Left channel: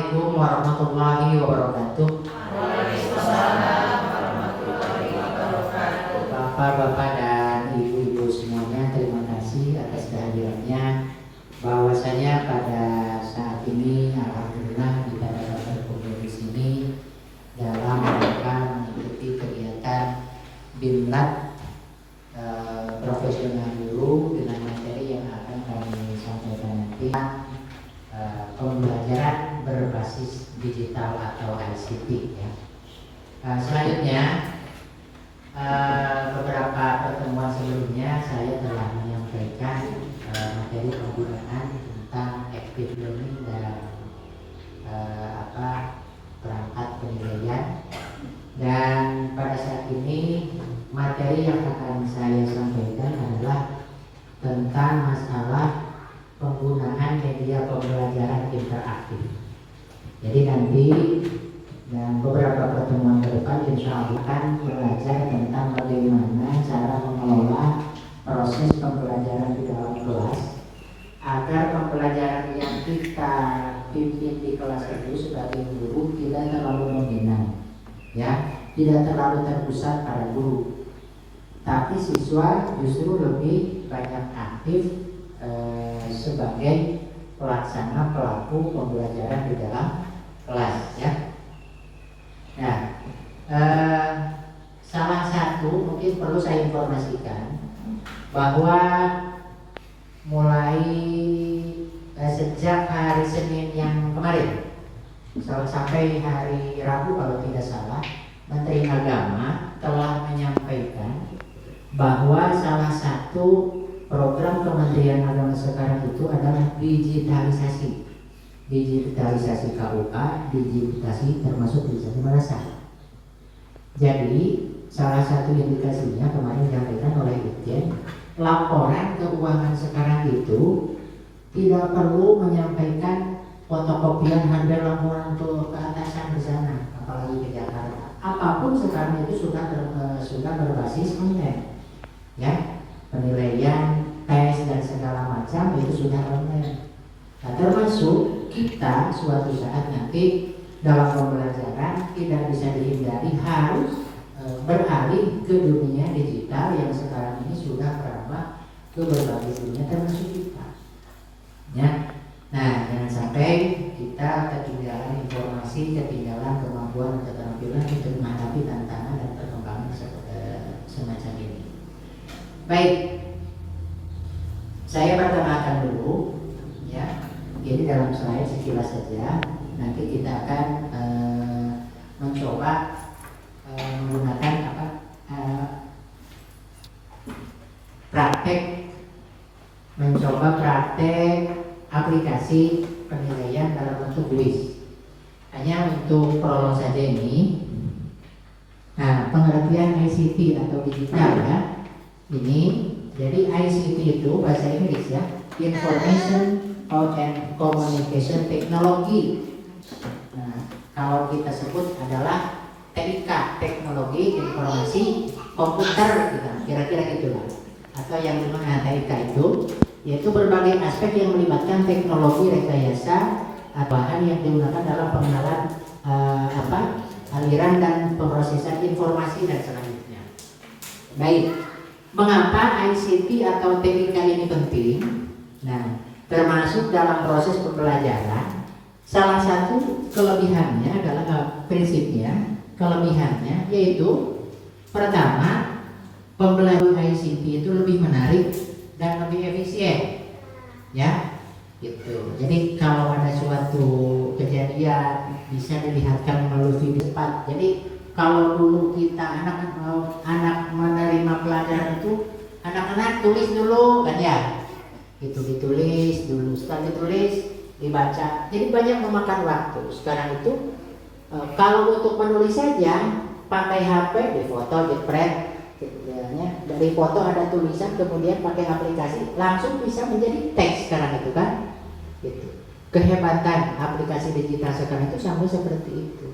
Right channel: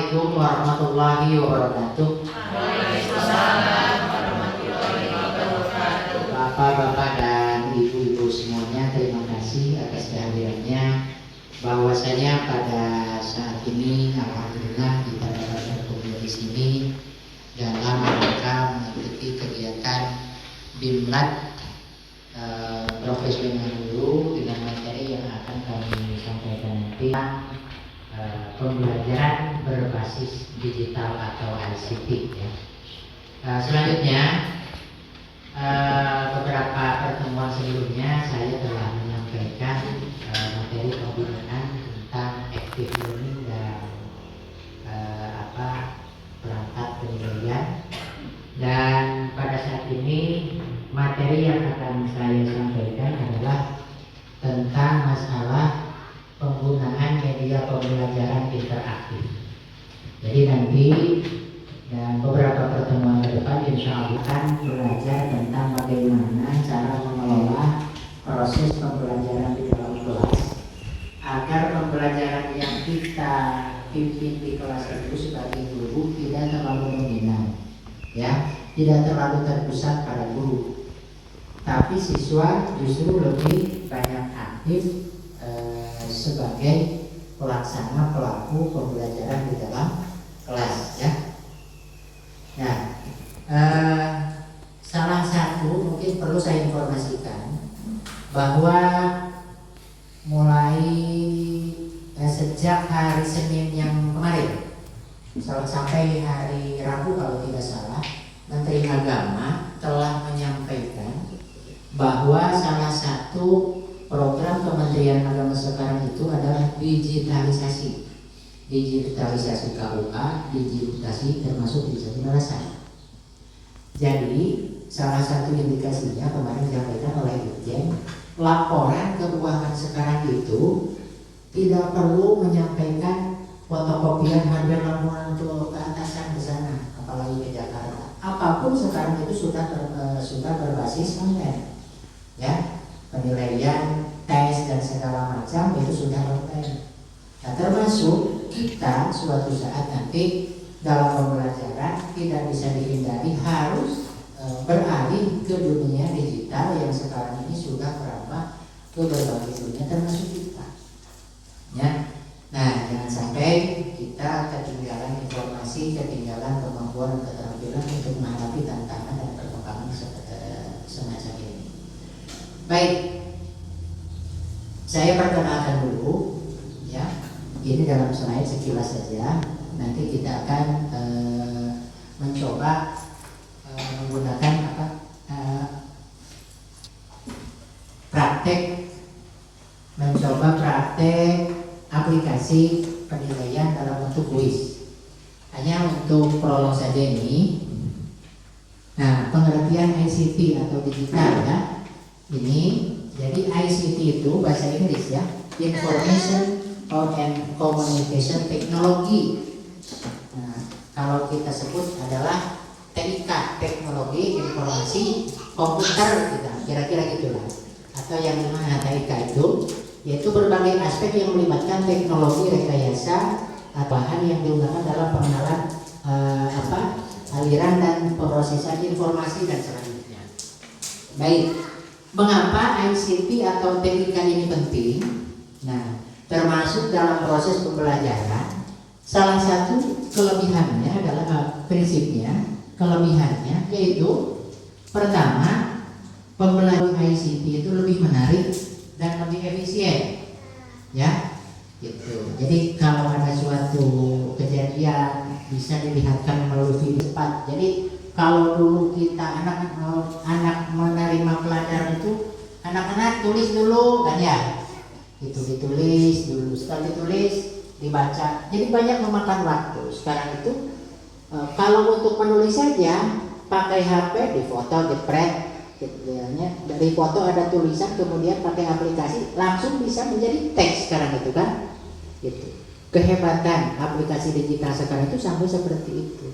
Assalamualaikum warahmatullahi wabarakatuh. Bapak-bapak dan ibu-ibu semuanya, terima kasih atas kehadirannya. Bahwasanya pada saat ini alhamdulillah kita dapat berkumpul di sini dalam rangka mengikuti kegiatan Bimlat profesional guru dengan materi yang akan kami sampaikan nanti. Pembelajaran berbasis digital atau ICT ya. Selanjutnya beberapa pertemuan sebelumnya saya telah menyampaikan materi pembinaan tentang active learning dan perangkat penilaian, dan pada saat ini materi yang akan saya sampaikan adalah tentang masalah penggunaan media pembelajaran interaktif. Jadi nanti dan beberapa pertemuan ke depan insya Allah akan belajar tentang bagaimana cara mengelola proses pembelajaran di dalam kelas agar pembelajaran yang kita pimpin di kelas itu sebagai guru tidak terlalu dominan, ya, tidak terlalu terpusat pada guru, tapi siswa justru lebih banyak aktif sebagai pelaksana pelaku pembelajaran di dalam kelas ya. Nah, salah satu mungkin perlu saya informasikan bahwa mulai sejak hari Senin yang kemarin sampai hari Rabu kalau tidak salah, Menteri Agama telah menyampaikan bahwa salah satu program Kementerian Agama sekarang itu adalah digitalisasi KUA, digitalisasi termasuk digitalisasi madrasah. Jadi salah satu indikasinya kemarin disampaikan oleh Dirjen, laporan keuangan sekarang itu tidak perlu menyampaikan fotokopian hampir laporan ke atasan di sana, apalagi ke Jakarta. Apapun sekarang itu sudah berbasis online, ya. Penilaian, tes dan segala macam itu sudah online. Nah, termasuk kita suatu saat nanti dalam pembelajaran tidak bisa dihindari harus beralih ke dunia digital yang sekarang ini sudah merambah ke berbagai dunia termasuk kita. Ya. Nah, jangan sampai kita ketinggalan informasi, ketinggalan kemampuan, keterampilan untuk menghadapi tantangan dan perkembangan semacam ini. Baik, saya perkenalkan dulu, ya. Ini dalam slide sekilas saja. Nanti kita akan mencoba menggunakan praktek aplikasi penilaian dalam bentuk kuis. Hanya untuk prolog saja ini. Nah, pengertian ICT atau digital ya. Ini jadi ICT itu bahasa Inggris ya, Information and Communication Technology. Nah, kalau kita sebut adalah TIK, teknologi informasi komputer, kira-kira gitulah. Atau yang dimana TIK itu yaitu berbagai aspek yang melibatkan teknologi rekayasa atau bahan yang digunakan dalam pengenalan aliran dan pemrosesan informasi dan selanjutnya. Baik. Mengapa ICT atau teknikal ini penting? Nah, termasuk dalam proses pembelajaran, salah satu kelebihannya adalah prinsipnya, kelebihannya yaitu pertama, pembelajaran ICT itu lebih menarik dan lebih efisien, ya, gitu. Jadi kalau ada suatu kejadian bisa dilihatkan melalui video cepat. Jadi kalau dulu kita anak menerima pelajaran itu anak-anak tulis dulu kan ya, itu ditulis dulu, sekali ditulis dibaca, jadi banyak memakan waktu. Sekarang itu kalau untuk menulis saja pakai HP, difoto, di-print, dari foto ada tulisan, kemudian pakai aplikasi langsung bisa menjadi teks sekarang itu kan, gitu. Kehebatan aplikasi digital sekarang itu sampai seperti itu.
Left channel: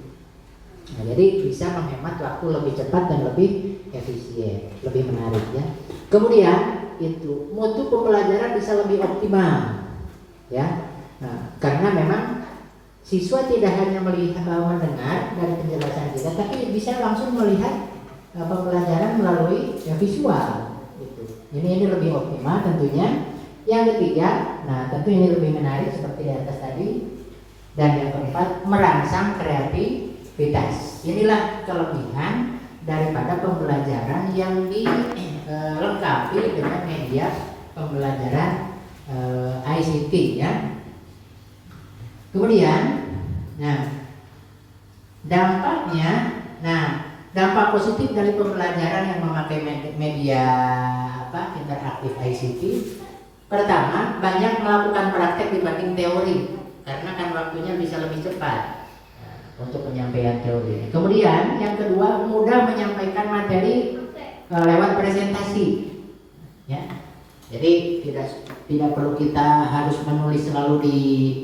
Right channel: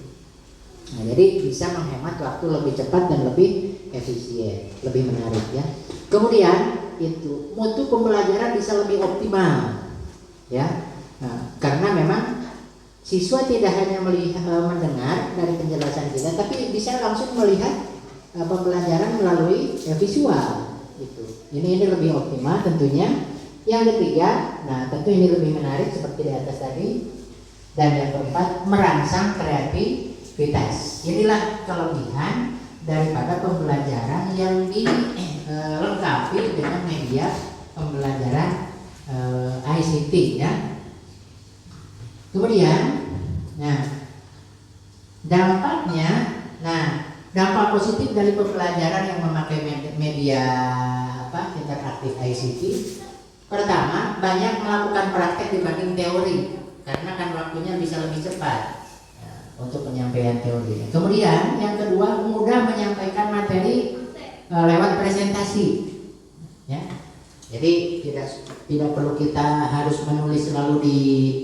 Nah, jadi bisa menghemat waktu lebih cepat dan lebih efisien, lebih menarik ya. Kemudian itu mutu pembelajaran bisa lebih optimal ya. Nah, karena memang siswa tidak hanya melihat mendengar dari penjelasan kita, tapi bisa langsung melihat pembelajaran melalui visual. Gitu. Ini lebih optimal tentunya. Yang ketiga, nah tentu ini lebih menarik seperti di atas tadi. Dan yang keempat, merangsang kreativitas. Inilah kelebihan daripada pembelajaran yang dilengkapi dengan media pembelajaran ICT ya. Kemudian, dampak positif dari pembelajaran yang memakai media interaktif ICT. Pertama, banyak melakukan praktek dibanding teori, karena kan waktunya bisa lebih cepat untuk penyampaian teori. Kemudian yang kedua, mudah menyampaikan materi lewat presentasi, ya. Jadi tidak perlu kita harus menulis selalu di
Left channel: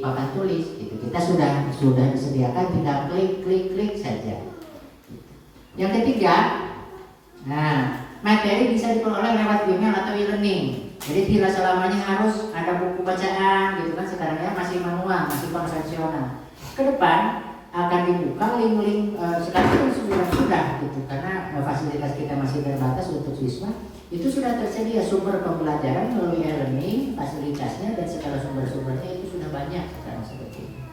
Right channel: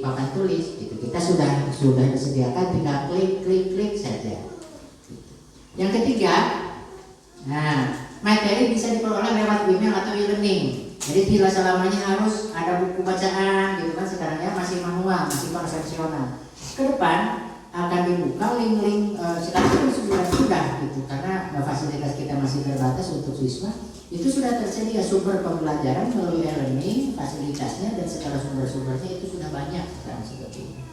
papan tulis, gitu. Kita sudah disediakan, tinggal klik saja. Yang ketiga, materi bisa diperoleh lewat email atau e-learning. Jadi tidak selamanya harus ada buku bacaan gitu kan, sekarang ya masih manual, masih konvensional. Ke depan akan dibuka link-link sekarang itu sudah gitu, karena fasilitas kita masih terbatas untuk siswa. Itu sudah tersedia sumber pembelajaran melalui e-learning, fasilitasnya dan segala sumber-sumbernya itu sudah banyak sekarang seperti ini.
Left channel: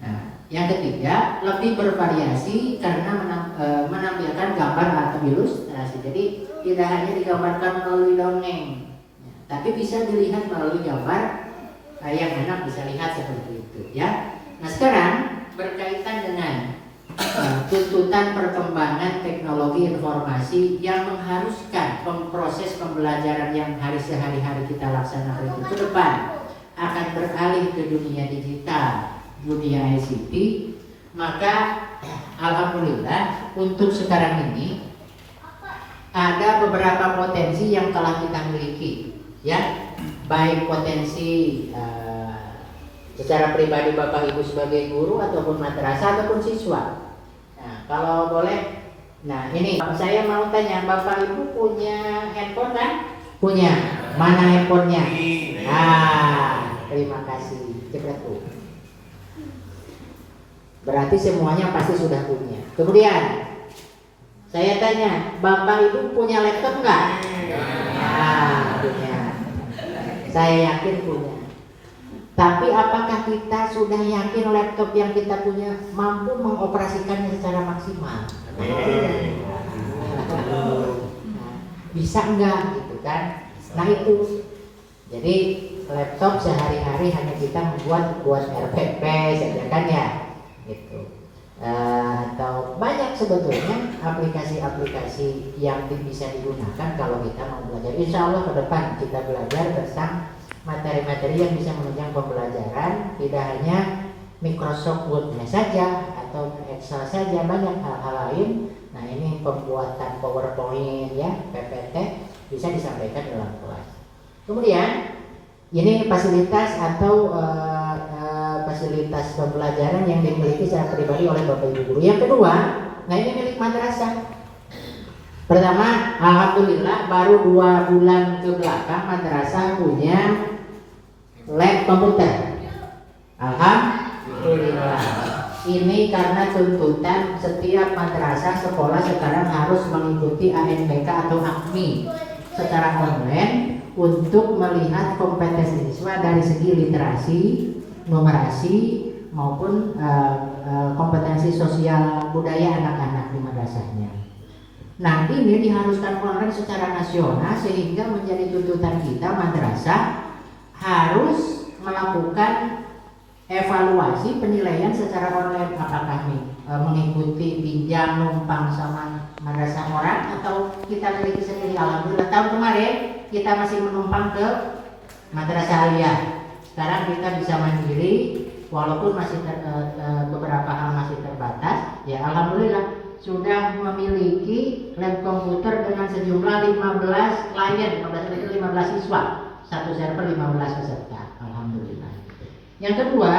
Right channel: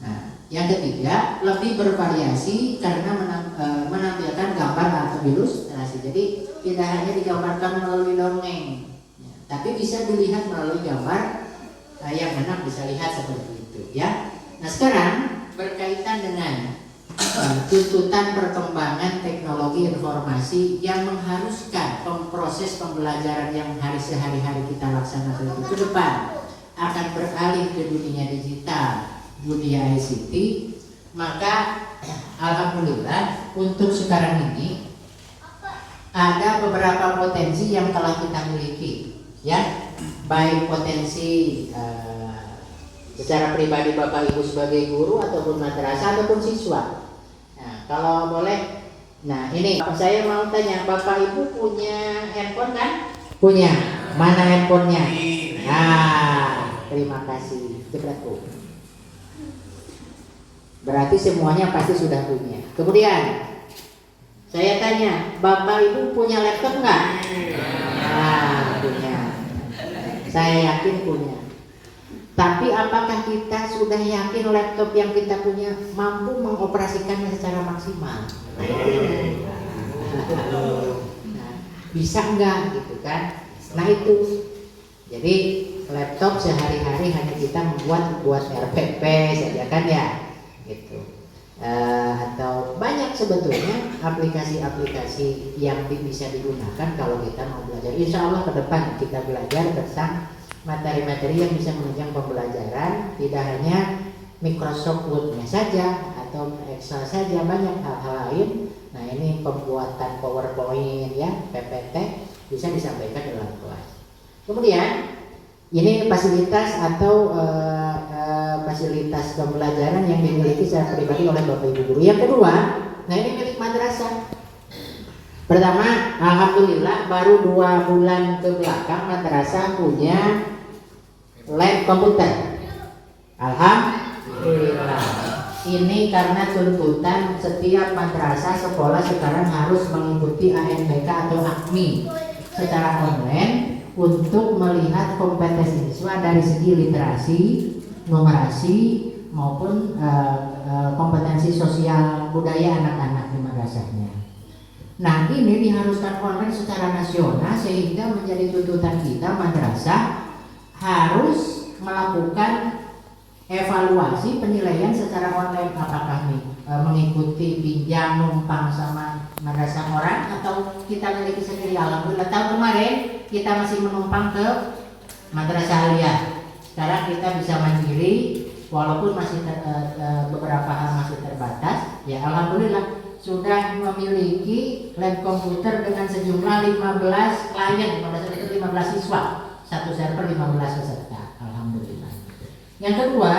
Nah, yang ketiga, lebih bervariasi karena menampilkan gambar atau ilustrasi. Jadi tidak hanya digambarkan melalui dongeng, tapi bisa dilihat melalui gambar yang anak bisa lihat seperti itu ya. Nah, sekarang berkaitan dengan tuntutan perkembangan teknologi informasi yang mengharuskan proses pembelajaran yang sehari-hari kita laksanakan itu ke depan akan beralih ke dunia digital, dunia ICT, maka alhamdulillah untuk sekarang ini ada beberapa potensi yang telah kita miliki ya, baik potensi secara pribadi Bapak Ibu sebagai guru ataupun madrasah ataupun siswa. Nah, kalau boleh, ini saya mau tanya, Bapak Ibu punya handphone kan? Punya. Mana handphonenya? Terima kasih. Cepat Bu. Berarti semuanya pasti sudah punya. Kemudian saya tanya, Bapak Ibu punya laptop nggak? Punya. Saya yakin punya. Tapi apakah kita sudah yakin laptop yang kita punya mampu mengoperasikannya secara maksimal? Bisa enggak gitu kan? Nah itu. Jadi laptop sehari-hari hanya kita buat RPP saja kan ya, gitu. Atau banyak sebetulnya aplikasi-aplikasi yang bisa digunakan kalau kita mau belajar. Insya Allah ke depan kita belajar tentang materi-materi yang bisa menunjang pembelajaran, tidak hanya Microsoft Word-nya saja atau Excel saja, banyak hal-hal lain. Nah, ini pembuatan PowerPoint ya, PPT bisa disampaikan dalam kelas. Kemudian ini fasilitas atau fasilitas pembelajaran yang dimiliki secara pribadi oleh Bapak Ibu guru. Yang kedua, nah ini milik madrasah. Pertama, alhamdulillah baru 2 bulan ke belakang madrasah punya lab komputer. Alhamdulillah. Ini karena tuntutan setiap madrasah sekolah sekarang harus mengikuti ANBK atau AKMI secara online untuk melihat kompetensi siswa dari segi literasi, numerasi maupun kompetensi sosial budaya anak-anak di madrasahnya. Nah, ini diharuskan online secara nasional sehingga menjadi tuntutan kita madrasah harus melakukan evaluasi penilaian secara online, apakah mengikuti pinjam numpang sama madrasah orang atau kita miliki sendiri. Alhamdulillah tahun kemarin kita masih menumpang ke Madrasah aliyah. Sekarang kita bisa mandiri, walaupun masih beberapa hal masih terbatas. Ya alhamdulillah sudah memiliki lab komputer dengan sejumlah 15 klien, 15 siswa, satu server 15 peserta. Alhamdulillah. Yang kedua,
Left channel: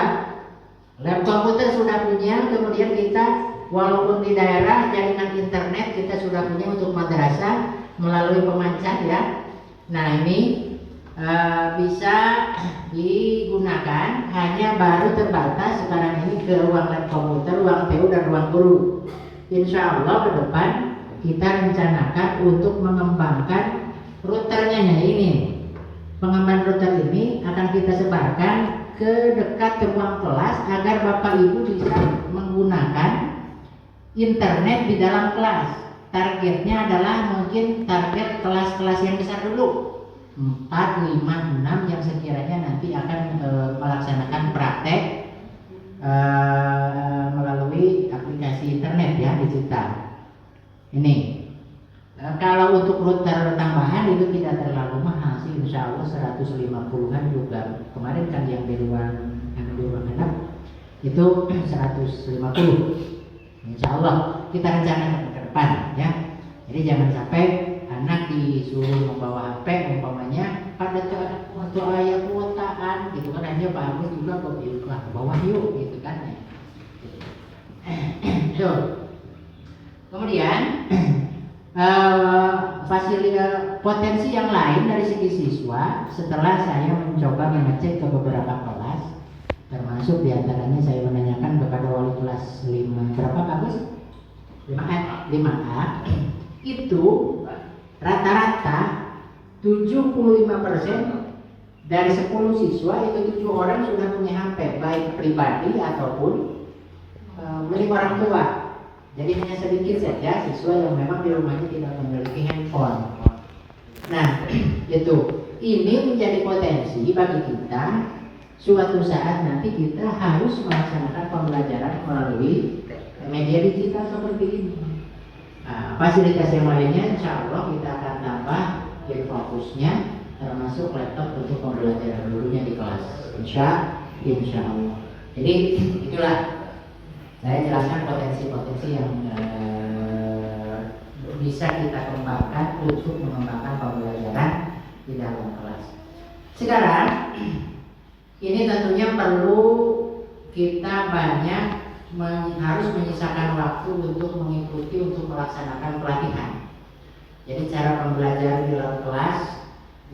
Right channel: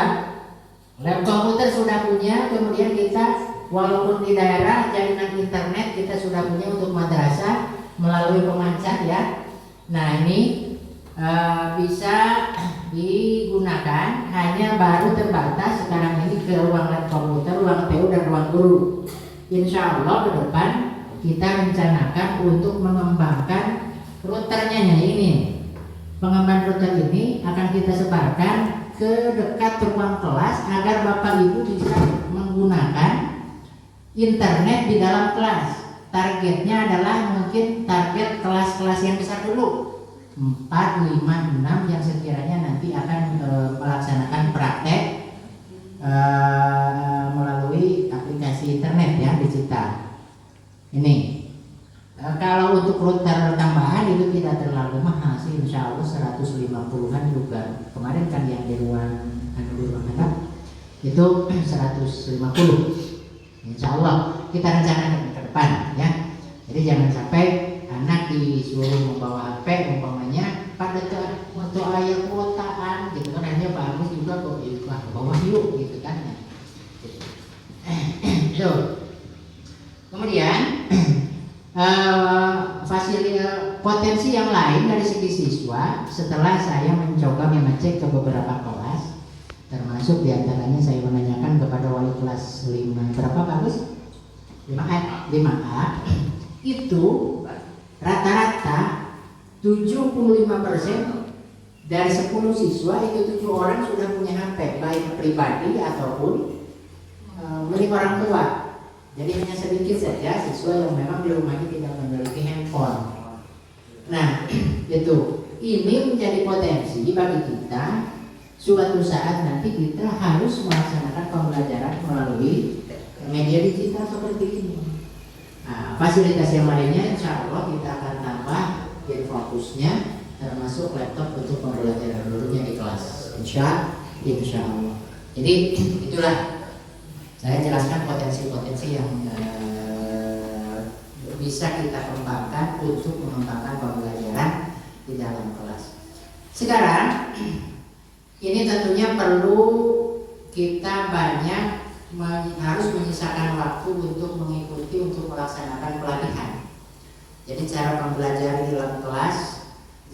lab komputer sudah punya, kemudian kita walaupun di daerah jaringan internet kita sudah punya untuk madrasah melalui pemancar ya. Nah ini bisa digunakan, hanya baru terbatas sekarang ini ke ruang lab komputer, ruang TU dan ruang guru. Insya Allah ke depan kita rencanakan untuk mengembangkan routernya ini. Pengembangan router ini akan kita sebarkan ke dekat ruang kelas agar Bapak Ibu bisa menggunakan internet di dalam kelas. Targetnya adalah mungkin target kelas-kelas yang besar dulu, 4, 5, 6 yang sekiranya nanti akan melaksanakan praktek melalui aplikasi internet ya, digital. Ini kalau untuk router tambahan itu tidak terlalu mahal sih, insya Allah 150-an juga. Kemarin kan yang di ruang anak itu 150. Insya Allah kita rencanakan ke depan ya. Jadi jangan sampai anak disuruh membawa HP umpamanya pada waktu ayat kuotaan gitu kan, hanya bagus juga kok ke bawah yuk gitu kan. Kemudian potensi yang lain dari segi siswa setelah saya mencoba mengecek ke beberapa kelas, termasuk diantaranya saya menanyakan kepada wali kelas 5 berapa bagus 5A itu rata-rata 75% dari 10 siswa itu 7 orang sudah punya HP baik pribadi ataupun milik orang tua. Jadi hanya sedikit saja siswa yang memang di rumahnya tidak memiliki handphone. Nah, itu ini menjadi potensi bagi kita. Suatu saat nanti kita harus melaksanakan pembelajaran melalui media digital seperti ini. Nah, fasilitas yang lainnya insya Allah kita akan tambah fokusnya, termasuk laptop untuk pembelajaran gurunya di kelas. Insya Allah. Jadi itulah saya jelaskan potensi-potensi yang bisa kita kembangkan untuk mengembangkan pembelajaran di dalam kelas. Sekarang ini tentunya perlu kita banyak harus menyisakan waktu untuk mengikuti, untuk melaksanakan pelatihan. Jadi cara pembelajaran di dalam kelas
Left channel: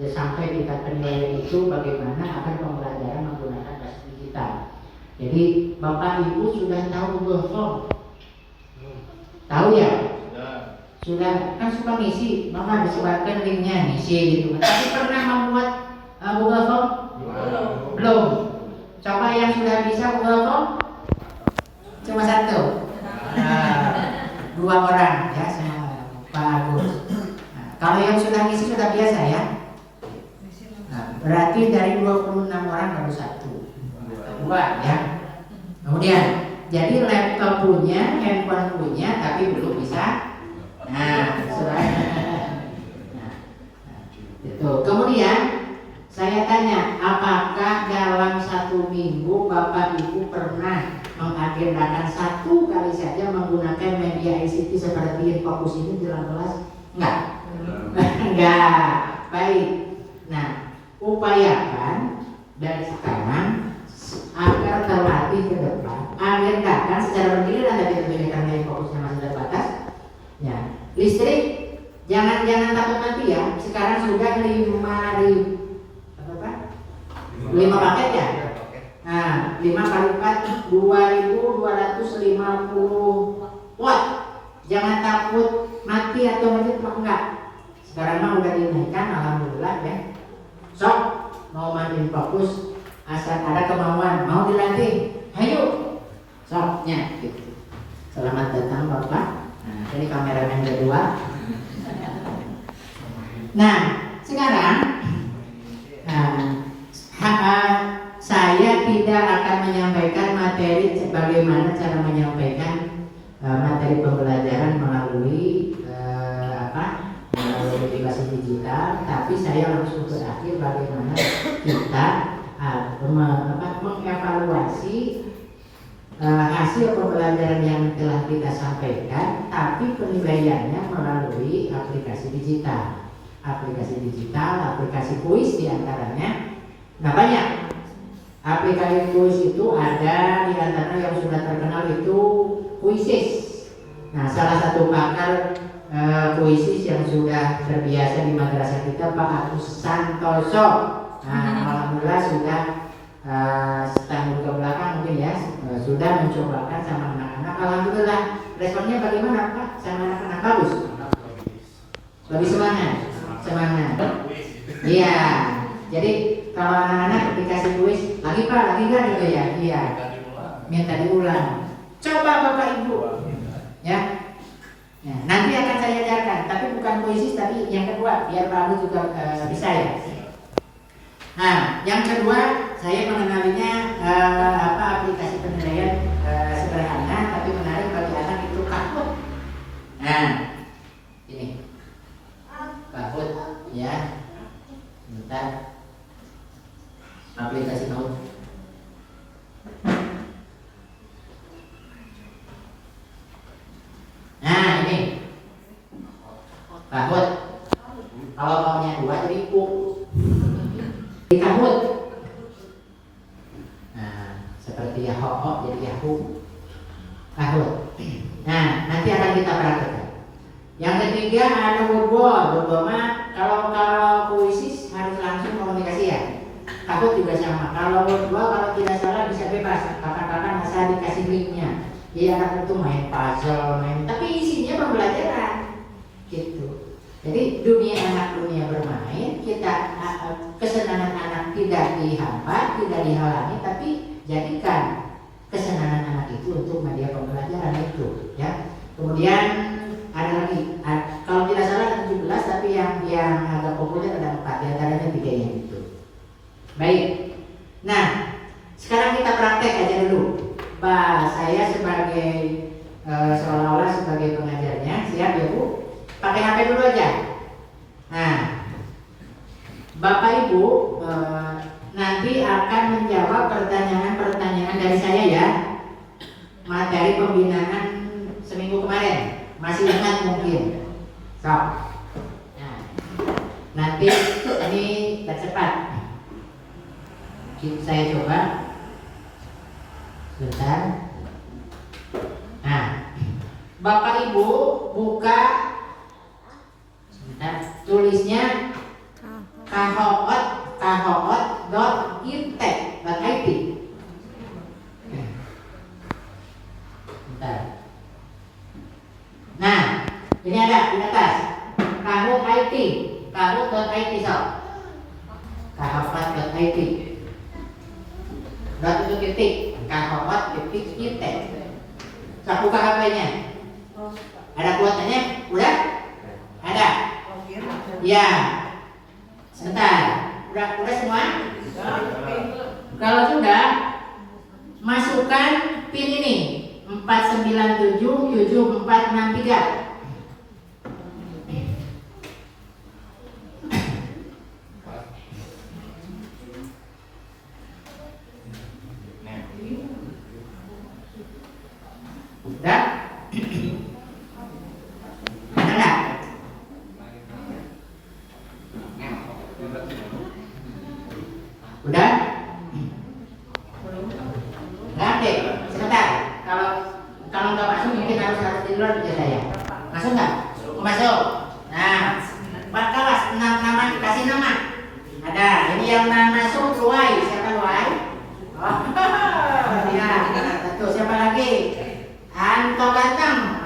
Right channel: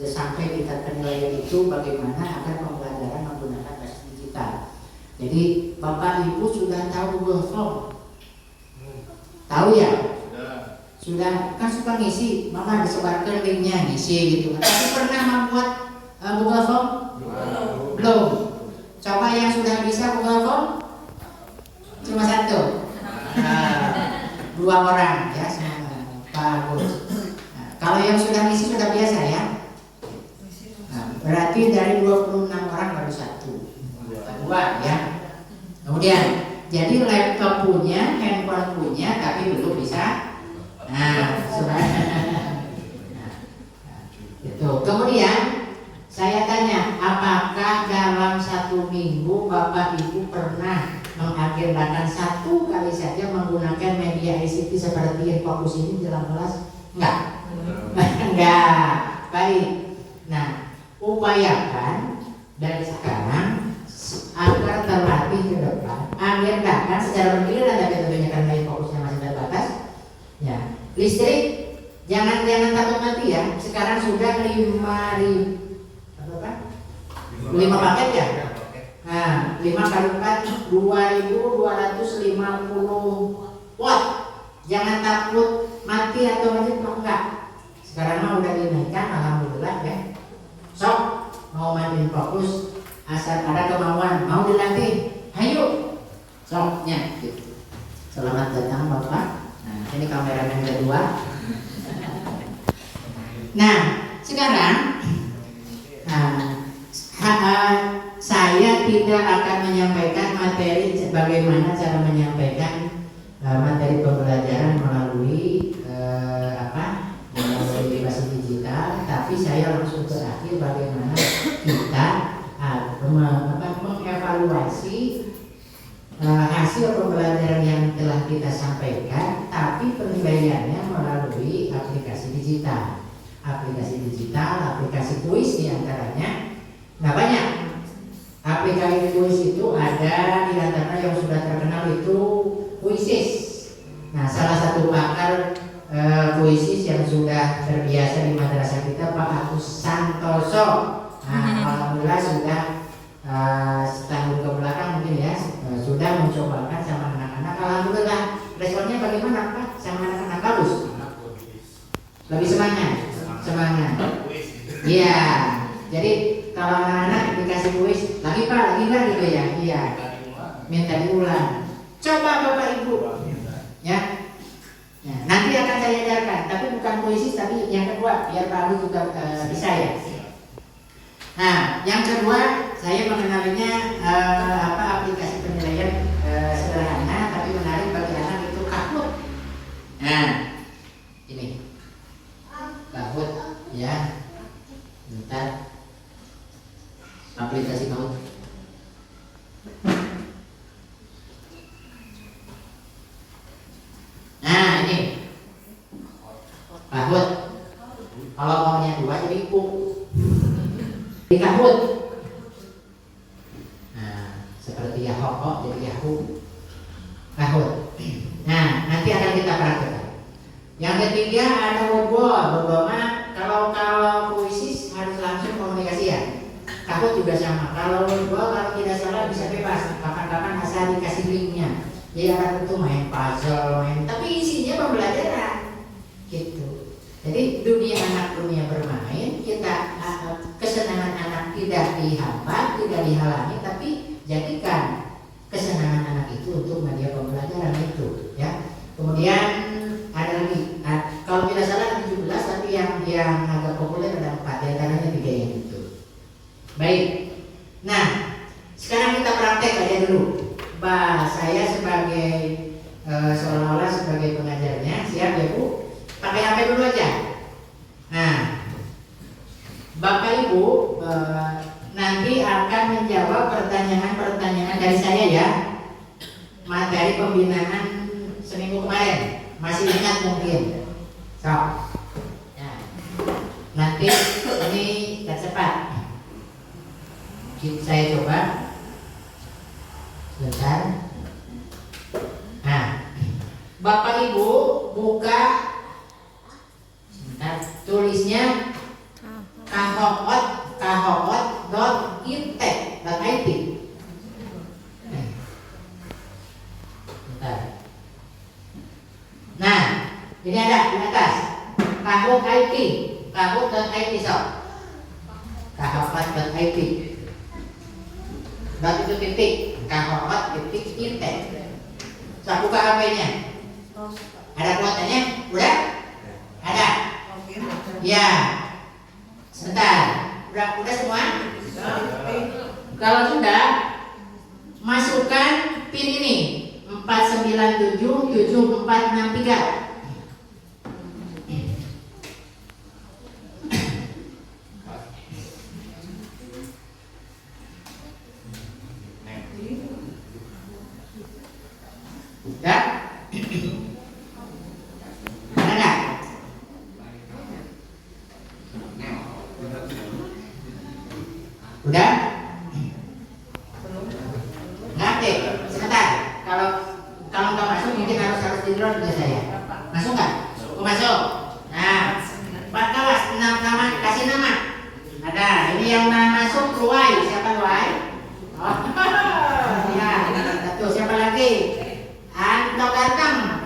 sampai kita penilaian itu bagaimana agar pembelajaran menggunakan basis digital. Jadi Bapak Ibu sudah tahu Google Form? Tahu ya? Sudah, kan suka ngisi, maka disebarkan linknya ngisi gitu. Tapi pernah membuat Google Form? Belum. Coba yang sudah bisa Google Form? Cuma 1. 2 orang ya, sama Pak Agus. Kalau yang sudah ngisi sudah biasa ya. Berarti dari 26 orang baru 1. 2 ya. Kemudian jadi laptop punya, handphone punya, tapi belum bisa. Itu. Kemudian saya tanya, apakah dalam 1 minggu Bapak Ibu pernah mengagendakan 1 kali saja menggunakan media ICT seperti fokus ini dalam kelas? Enggak. Enggak. Baik. Nah, upayakan dari sekarang agar terlatih ke depan, agendakan secara bergiliran, tapi tentunya karena fokusnya masih terbatas. Ya, listrik jangan takut mati ya. Sekarang sudah 5 paket ya. Nah, 5 kali 4 2250 watt. Jangan takut mati atau enggak. Sekarang mah udah dinaikkan, alhamdulillah ya. Sok mau main fokus, asal ada kemauan mau dilatih, ayo soknya gitu. Selamat datang Bapak. Nah, ini kameramen kedua. Nah, sekarang saya tidak akan menyampaikan materi bagaimana cara menyampaikan materi pembelajaran melalui aplikasi digital, tapi saya langsung terakhir bagaimana kita mengevaluasi hasil pembelajaran yang telah kita sampaikan, tapi penilaiannya melalui aplikasi digital, aplikasi kuis diantaranya. Nah, banyak aplikasi kuis itu, ada di antaranya yang sudah terkenal itu Quizizz. Nah, salah satu pakar Quizizz yang sudah terbiasa di madrasah kita, Pak Agus Santoso. Nah, alhamdulillah sudah setahun ke belakang mungkin ya, sudah mencobakan sama anak-anak. Alhamdulillah responnya bagaimana Pak? Sama anak-anak bagus? Lebih semangat? Iya. Jadi kalau anak-anak dikasih kuis, lagi Pak, lagi kan gitu ya? Iya. Minta diulang. Coba Bapak Ibu, ya. Nah, nanti akan saya ajarkan, tapi bukan Quizizz, tapi yang kedua, biar Pak Alu juga bisa ya. Nah, yang kedua saya mengenalinya aplikasi penilaian sederhana tapi menarik bagi anak, itu Kahoot. Nah, ini Kahoot ya. Bentar, aplikasi Kahoot. Nah, ini Kahoot. Kalau maunya dua jadi di Kahoot. Nah, seperti Yahoo jadi Yahoo. Kahoot. Nah, nanti akan kita praktekkan. Yang ketiga ada Wordwall. Kalau Quizizz harus langsung komunikasi ya. Kahoot juga sama. Kalau Wordwall kalau tidak salah bisa bebas, kapan-kapan asal dikasih linknya. Dia akan tentu main puzzle, tapi isinya pembelajaran gitu. Jadi dunia anak, dunia bermain, kita kesenangan anak tidak dihambat, tidak dihalangi, tapi jadikan kesenangan anak itu untuk media pembelajaran itu, ya. Kemudian ada lagi, kalau tidak salah ada 17, tapi yang agak populer ada 4, di antaranya 3 yang itu. Baik. Nah, sekarang kita praktek aja dulu. Saya sebagai seolah-olah sebagai pengajarnya, siap ya Bu? Pakai HP dulu aja. Nah, Bapak Ibu nanti akan menjawab pertanyaan-pertanyaan dari saya ya, materi pembinaan seminggu kemarin. Masih ingat mungkin? So, nah, nanti ini cepat. Saya coba. Sebentar. Nah, Bapak Ibu buka. Sebentar, tulisnya kahoot.iptek.it. Nah, ini ada di atas kahoot.it sob. kahoot.it. Itu titik kahoot.iptek. Saya buka HP-nya. Ada kuotanya? Udah? Ada? Ya. Sebentar. Udah semua? Kalau sudah, masukkan PIN ini 4977463. Ya? Ada nggak? Udah? Nggak aktif? Sebentar. Kalau nggak masuk mungkin harus di luar juga saya. Masuk nggak? Oh, masuk. Nah, Pak Kawas, nama kasih nama. Ada. Ini yang masuk Luai. Siapa Luai? Oh, ya. Satu. Siapa lagi? Anto Ganteng.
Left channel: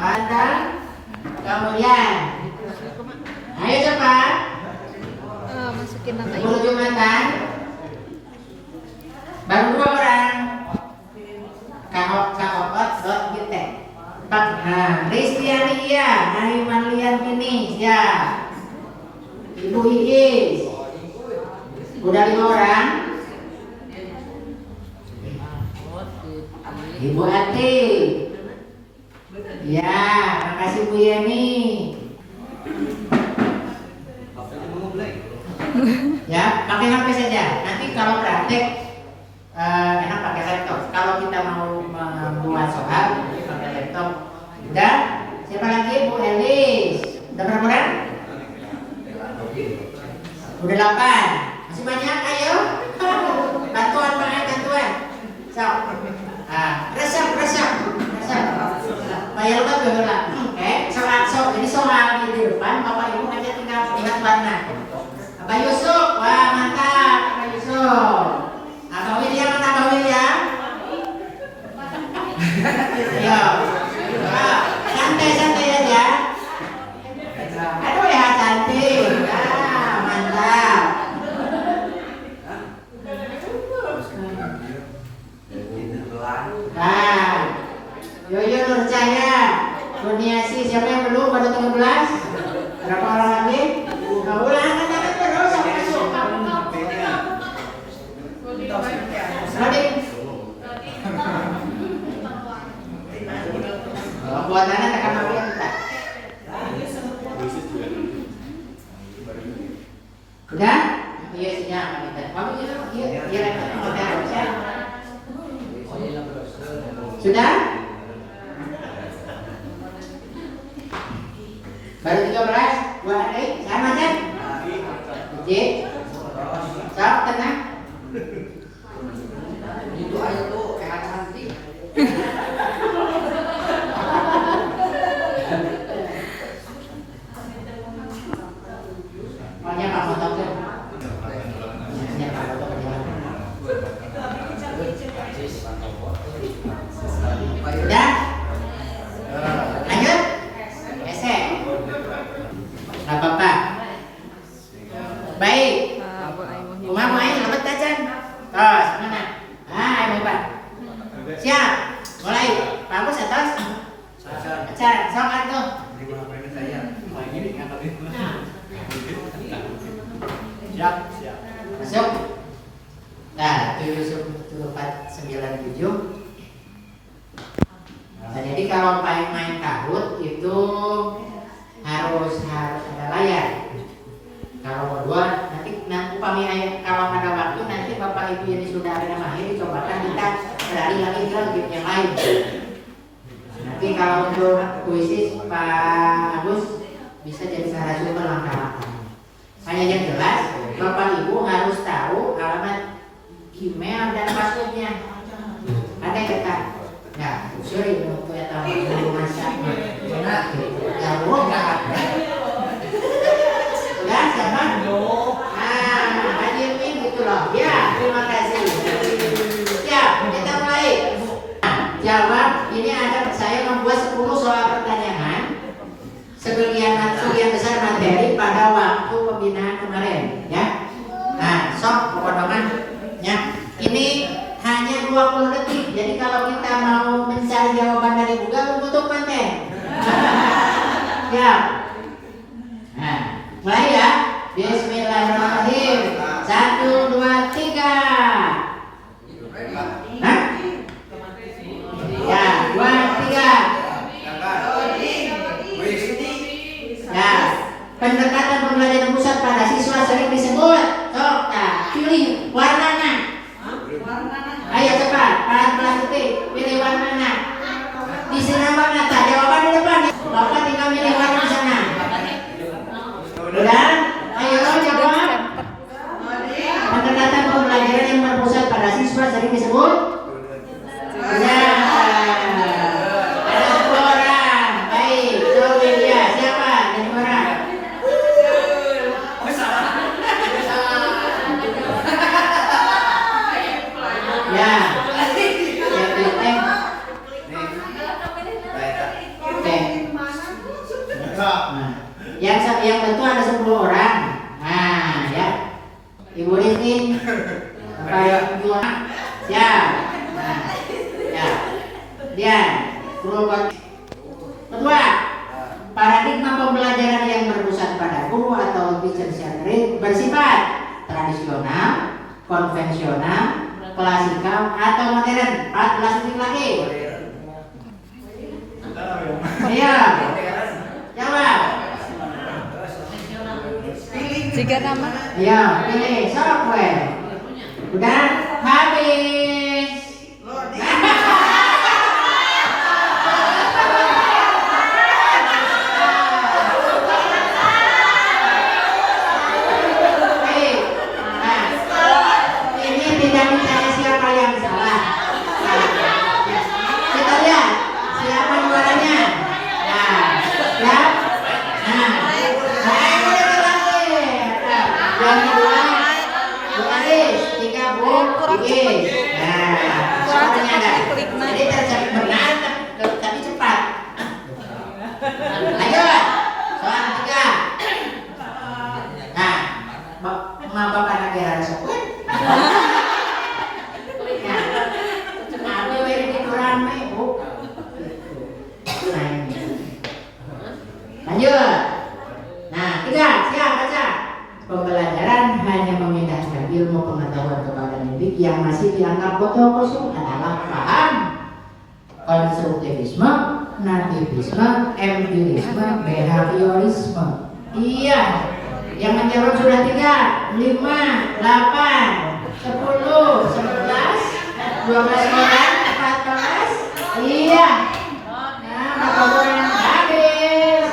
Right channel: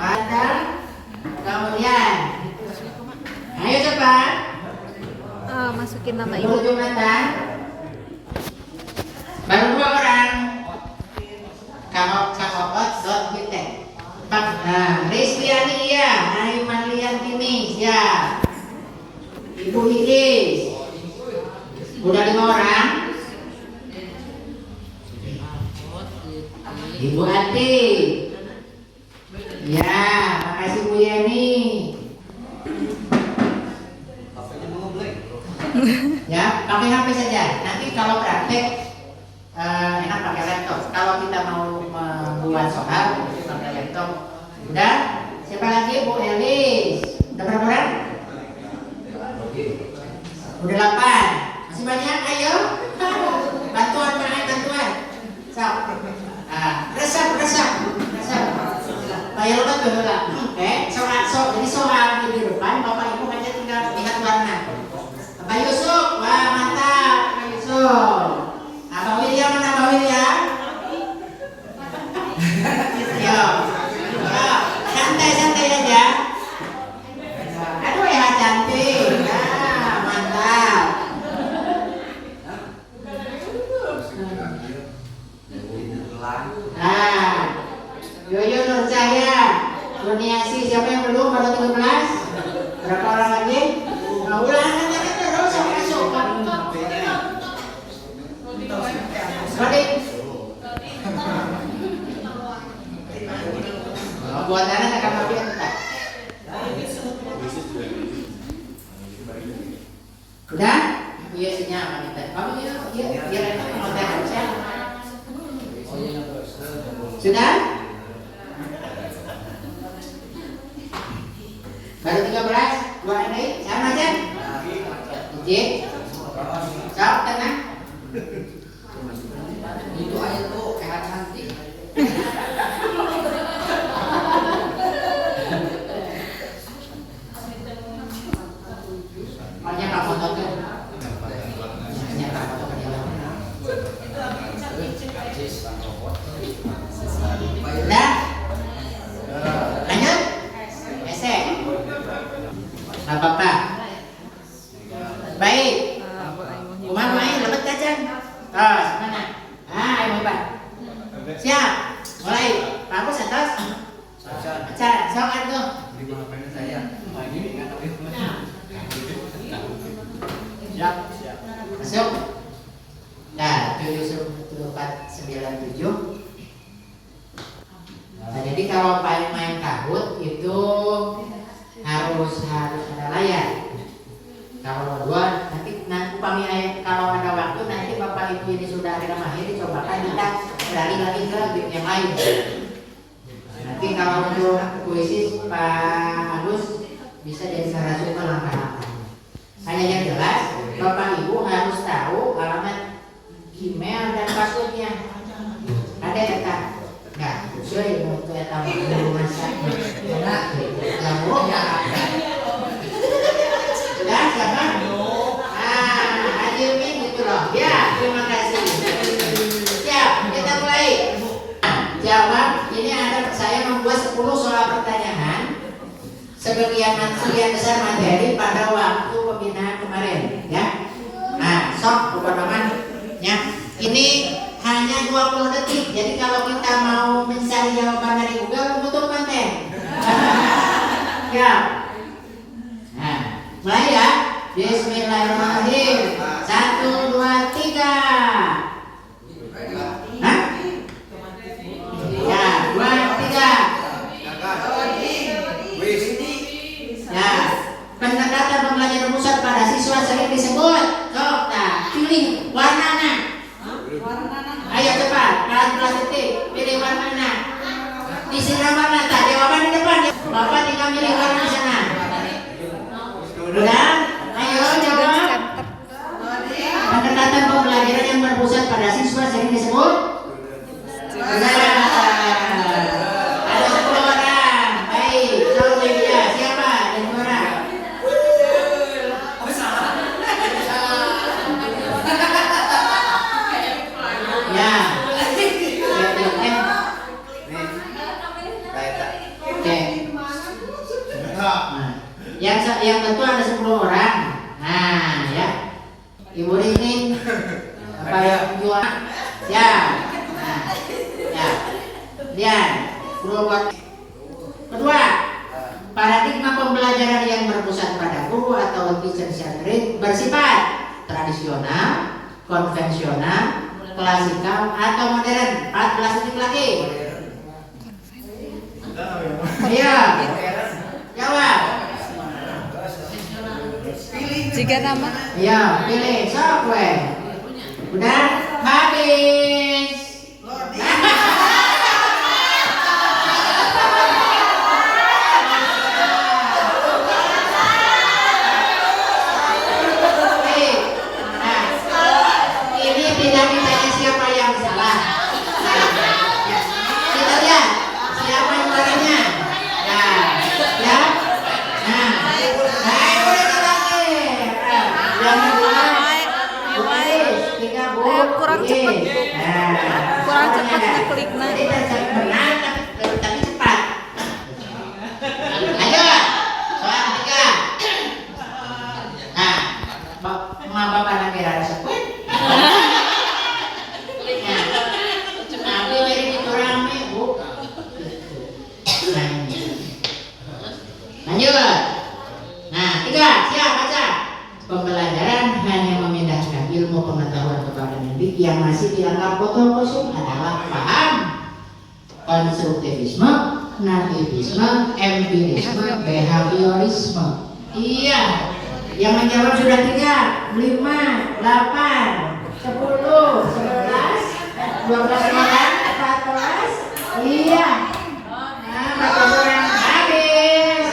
Kemudian, ayo cepat. Masukin nama ibu. Jumatan. Baru 2 orang. Kahoot.iptek. Nah, Rizkyani ya, Aiman Liantini ya, Ibu Iis. Udah 5 orang. Ibu Ati. Ya, makasih Bu Yeni. Ya, pakai HP saja. Nanti kalau praktek enak pakai laptop. Kalau kita mau membuat soal pakai laptop. Udah? Siapa lagi? Bu Elis. Udah berapa orang? Udah 8. Masih banyak? Ayo. Bantuan, bantuan. So. Resep. Bayar lupa dulu lah. Jadi soal di depan Bapak Ibu aja tinggal lihat warna. Abah Yusuf, wah mantap, Abah Yusuf. Abah William mana Abah William? Yo, santai aja. Aduh ya cantik, mantap. Yoyo Nur Cahya, Kurniasi, siapa yang belum? Baru 13? Berapa orang lagi? Ulangan aja terus sampai masuk. Rodi. Buat anak akan mau yang kita. Udah? Iya sinya apa kita? Kamu iya hotel saya. Sudah? Baru 13, buat adik, sama kan? Ijin, siap, tenang. Itu aja tuh, kayak nanti. Maunya kamu tutup. Maunya kamu tutup. Udah? Lanjut? Esek. Apa-apa? Baik. Umar mau ayo lepas tajan. Tos, mana? Ayo Pak. Siap. Mulai. Kamu setos? Acan, sokat tuh. Siap. Masuk. Nah, 7497. Nah, jadi kalau main kahut itu harus ada layar. Kalau kedua nanti upami kalau ada waktu nanti Bapak Ibu yang sudah ada mahir cobakan kita beralih lagi ke game yang lain. Nanti kalau untuk puisi Pak Agus bisa jadi salah satu langkah-langkah. Hanya yang jelas Bapak Ibu harus tahu alamat email dan passwordnya. Ada ya Kak? Nah, cuy, untuk eta dulu masaknya. Enak, jago nggak? Udah, siapa? Haji Umin gitu loh. Ya, terima kasih. Siap, kita mulai. Jawab. Ini ada saya membuat 10 soal pertanyaan. Sebagian besar materi pada waktu pembinaan kemarin, ya. Nah, sok pokoknya, ya. Ini hanya 20 detik. Jadi kalau kita mau mencari jawaban dari Google, butuh konten. Ya. Nah, mulai ya. Bismillahirrahmanirrahim. 1, 2, 3. Nah. Ya, 2, 3. Ya. Pendekatan pembelajaran pusat pada siswa sering disebut. Sok, nah, pilih warnanya. Ayo cepat, kelas detik, pilih warnanya. Di sana warna, tak jawaban di depan. Bapak tinggal pilih warna di sana. Udah? Ayo jawab. Pendekatan pembelajaran yang berpusat pada siswa sering disebut. Ada 10 orang. Baik, jauh dia. Siapa? Dan orang. Ya. Yang betul ada 10 orang. Nah, ya. Ibu Rini kayak jual. Ya. Nah. Ya. Lihat. Kedua, paradigma pembelajaran yang berpusat pada guru atau teacher centric bersifat tradisional, konvensional, klasikal atau modern. 14 detik lagi. Iya. Jawab. Jika nama Ya, pilih sok gue. Udah habis. Ini tidak ditanya siapa yang salah. Kita lihat siapa juaranya. Ya. Baik, boleh lagi. Yang kedua, tiga kurang cepet. Kurang cepet ngeklik, nah. Jadi tercepat benar tapi cepat. Ayo, soal ketiga. Nah, bapak nanti harus sebut. Tapi jadi itu rame, Bu. Nah, ini. Lanjut. Nah, tiga, siap baca. Pembelajaran hanya memindahkan ilmu pengetahuan kepada mendidik yang masih dianggap botol kosong adalah paham konstruktivisme, nativisme, empirisme, behaviorisme. Iya, yang menjawab sudah 3, 5, 8, 10, 11, 12 orang, 14. Iya. Nah, 14 orang habis.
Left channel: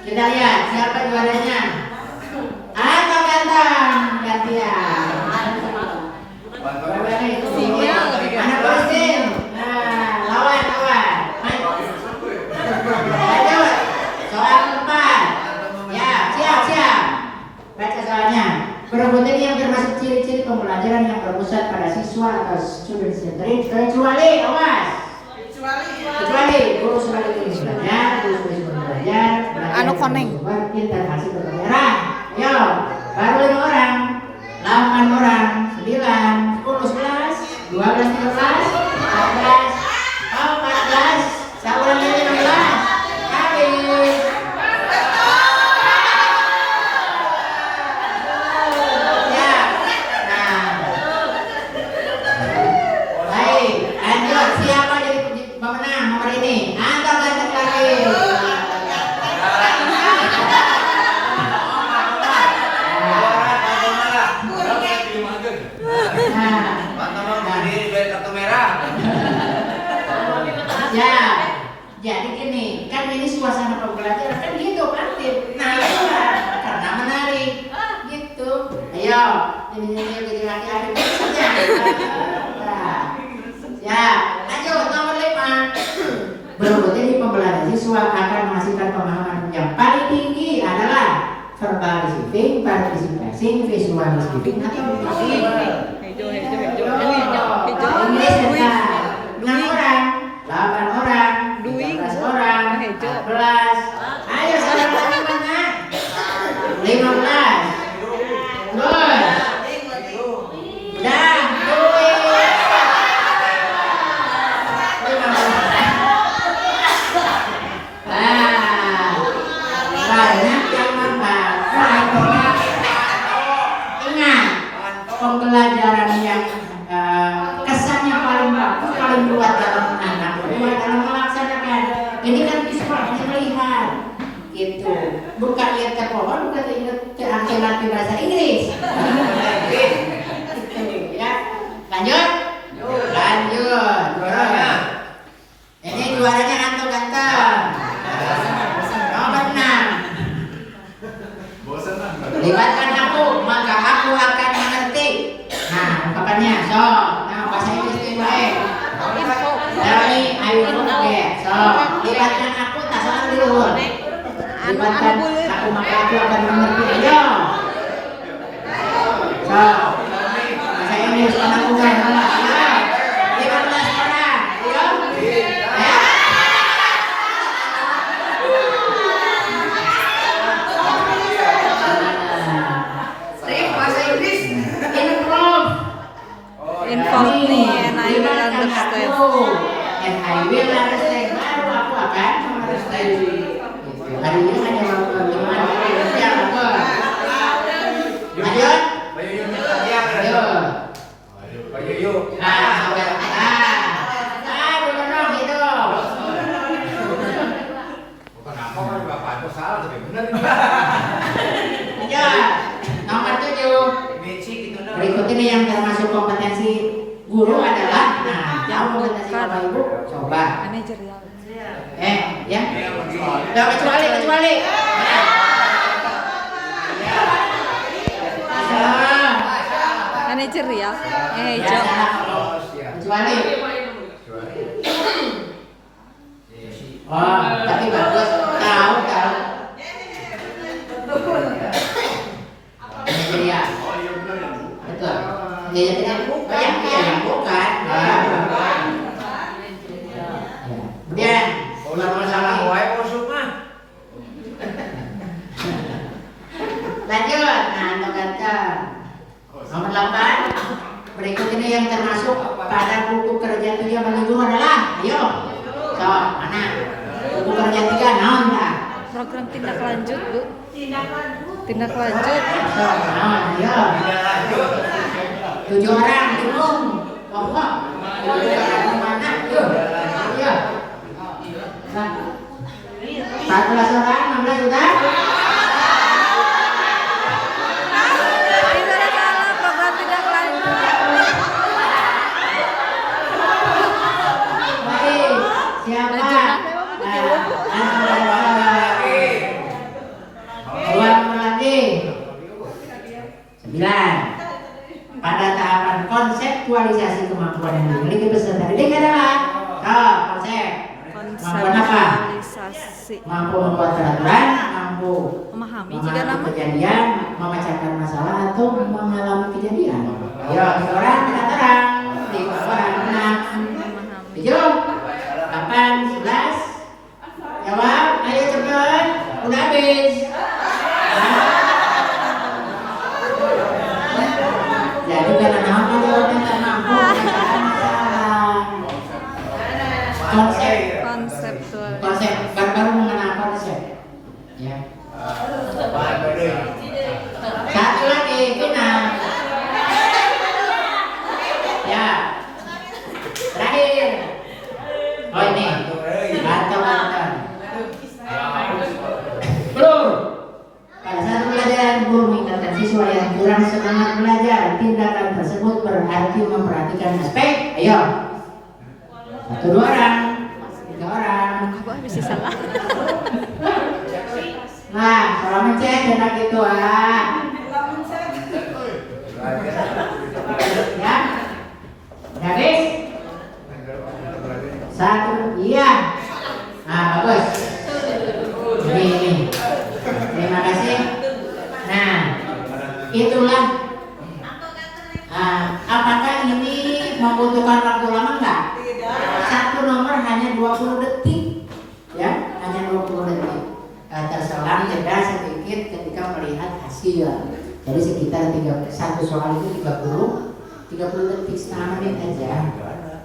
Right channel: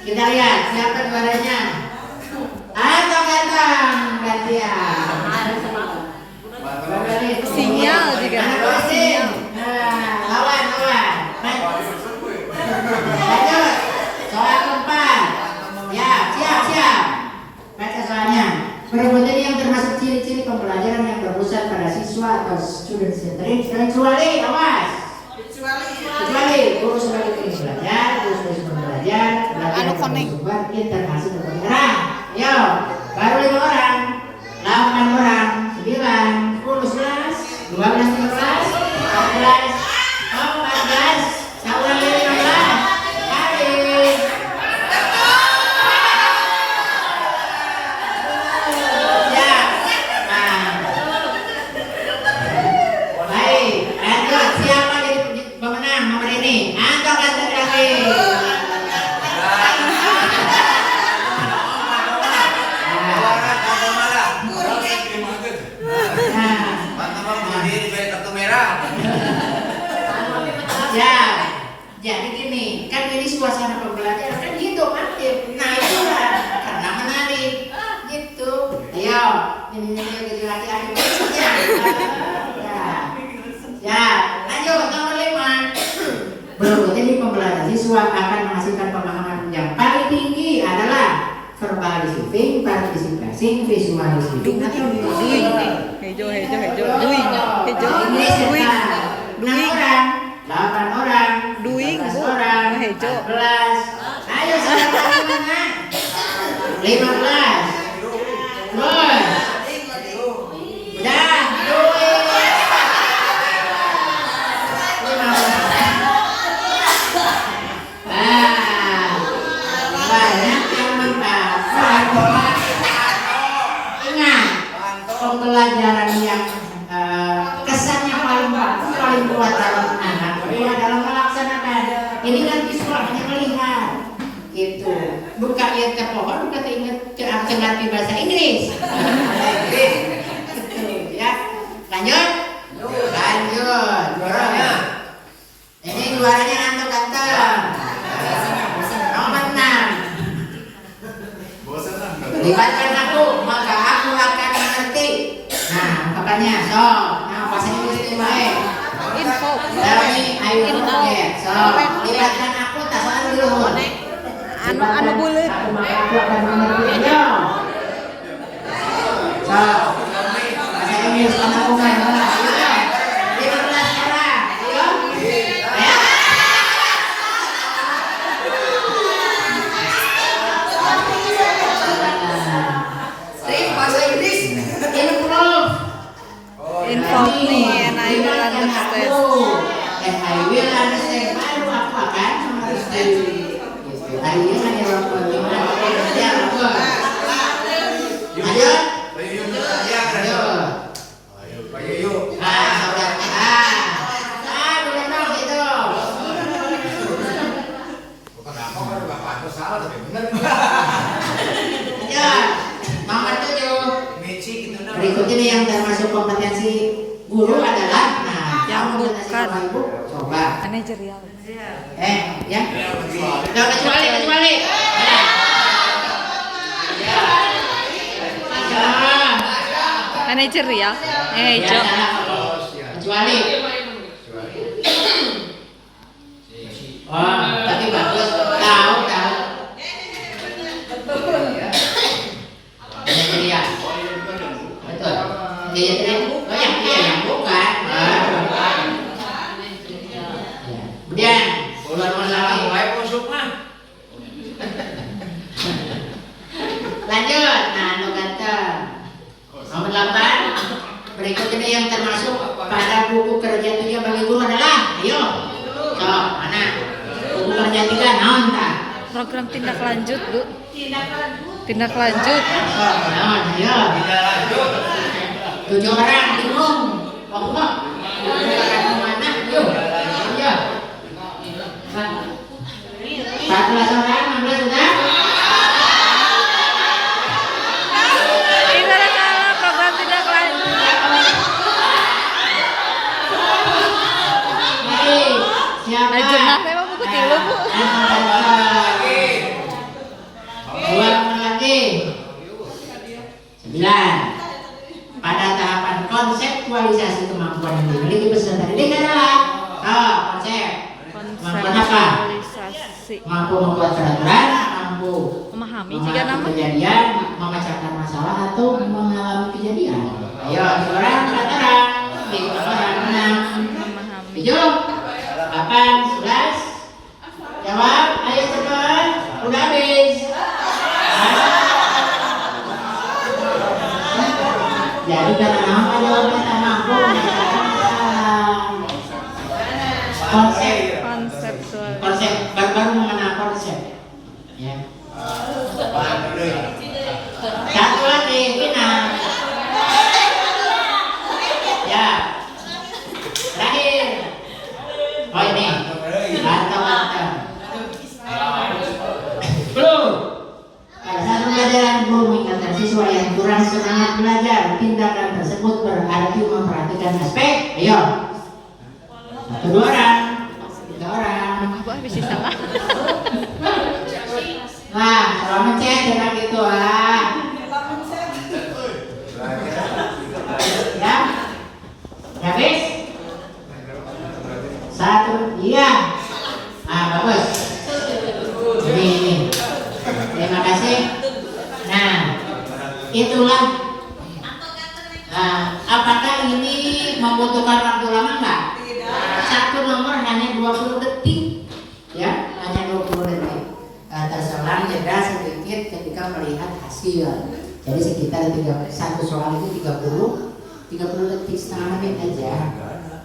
Kita lihat siapa juaranya. Atau ganteng gantian. sinyal juga. Anak polisi. Lawan. Lanjut. Soal keempat. Ya, siap. Baca soalnya. Perbuatan yang termasuk ciri-ciri pembelajaran yang berpusat pada siswa atau student centered kecuali awas. Kecuali guru sebagai tulis belajar, guru sebagai sumber belajar, Anu konek. sumber interaksi pembelajaran. Yo, baru 5 orang, 8 orang, 9, 10, 11, 12, 13, 14, 14, seorang lagi 16, habis. Ya, baik, lanjut. Siapa jadi pemenang nomor ini? Angkat ganteng lagi. Ya, jadi gini, kan ini suasana pembelajaran kan gitu kan, nah itu kan karena menarik, gitu. Ayo, ini adik-adik ya, lanjut nomor 5. Berikut ini pembelajaran siswa akan menghasilkan pemahaman yang paling tinggi adalah verbal receiving, participasi, visual receiving, atau Inggris ya, 6 orang, 8 orang, 13 orang, 14. Ayo sekarang lagi mana? 15. Bos. Dah, duit. 15. Banyak yang membaca. Ingat, pembelajaran yang kesannya paling kuat dalam anak dalam melaksanakan. Ini kan visual hanya melihat, gitu. Bukan lihat ke pohon, bukan ingat ke latih bahasa Inggris. Gitu, ya. Lanjut. Juaranya. Ini juaranya Anto ganteng. Nomor 6. Libatkan aku, maka aku akan mengerti. Nah, ungkapannya, so, nah bahasa Inggris itu baik. Dari ayo ya, so, libatkan aku, tak salah dulu. Libatkan aku, maka aku akan mengerti. Ayo. So, bahasa Inggris aku kan, ayo. 15 orang, ayo. Ya. Bahasa Inggris Involve me and I will understand. And I will understand. Baru aku akan understand. Hari ini kan yang Ya, nomor 7. Berikut ini yang termasuk kompetensi guru adalah, nah, yang kompetensi Bapak Ibu, coba. Ya, nggak kecuali. Manajer ya? Hijau. Kecuali. Oh, tapi bagus. Tahu. Manajerial. Betul. Dia yang bukan. Kemudian ular masalah wae masuk mah. Lanjut. Nah, nomor 8. Berikut ini yang termasuk pada buku kerja tujuan bagi guru adalah, ayo. Coba mana? Buku kerja 3 naon tah? Program tindak lanjut, Bu. Tindak lanjut. Naon, ayo. 7 orang bingung. Kelompok. Mana? Ayo. 14 orang, 16 sudah? Program tindak lanjut. Baik, siapa? Memang buku tilu, Bu. Ulang lagi. 9. Pada tahapan konseptualisasi kemampuan yang dimiliki peserta didik adalah konsep. Konseptualisasi. Mampu membuat peraturan, mampu Memahami jika nama kejadian, memecahkan masalah atau mengalami kejadian. Ayo, orang peraturan, orang menang. memahami. 7, 8, 11. Jawab, ayo cepat. Udah habis. Jadi karena apa jawabnya tak mampu. Konsep baru mengenal konsep. Ya. Satu lagi final. Ya. Terakhir. Oh ini. Mantap. Belum. Pada saat pembelajaran guru mengingatkan siswa yang kurang semangat belajar, tindakan tersebut berarti memperhatikan aspek. Ayo. 1, 2 orang. 3 orang. Apa bisa salah? Nah, kalau mencet jangan gitu ah. Ya. Habis? 1, iya. Nah, bagus. Ini. Terima kasih. Nah, itulah. Apakah ini membutuhkan waktu lama enggak? Satu nomor hanya 20 detik. Ya, hanya 20 detik. Terselang jeda sedikit ketika melihat hasil. Jadi sekitar satu soal itu 30 detik, setengah menit aja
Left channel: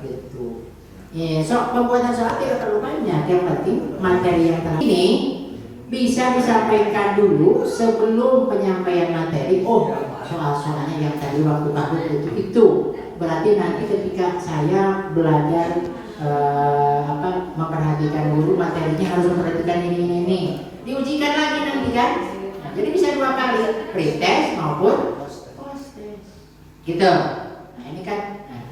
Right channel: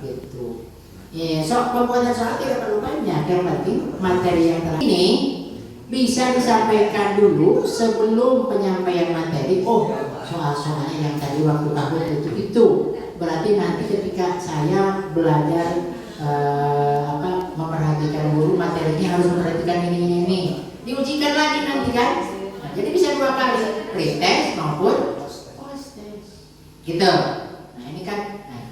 gitu. Ya, pembuatan soal tidak terlalu banyak. Yang penting materi yang terakhir ini bisa disampaikan dulu sebelum penyampaian materi. Oh, soal-soalnya yang tadi waktu takut itu berarti nanti ketika saya belajar memperhatikan guru, materinya harus memperhatikan ini. Diujikan lagi nanti kan. Nah, jadi bisa 2 kali, pretest maupun post test. Gitu. Nah, ini kan. Nah,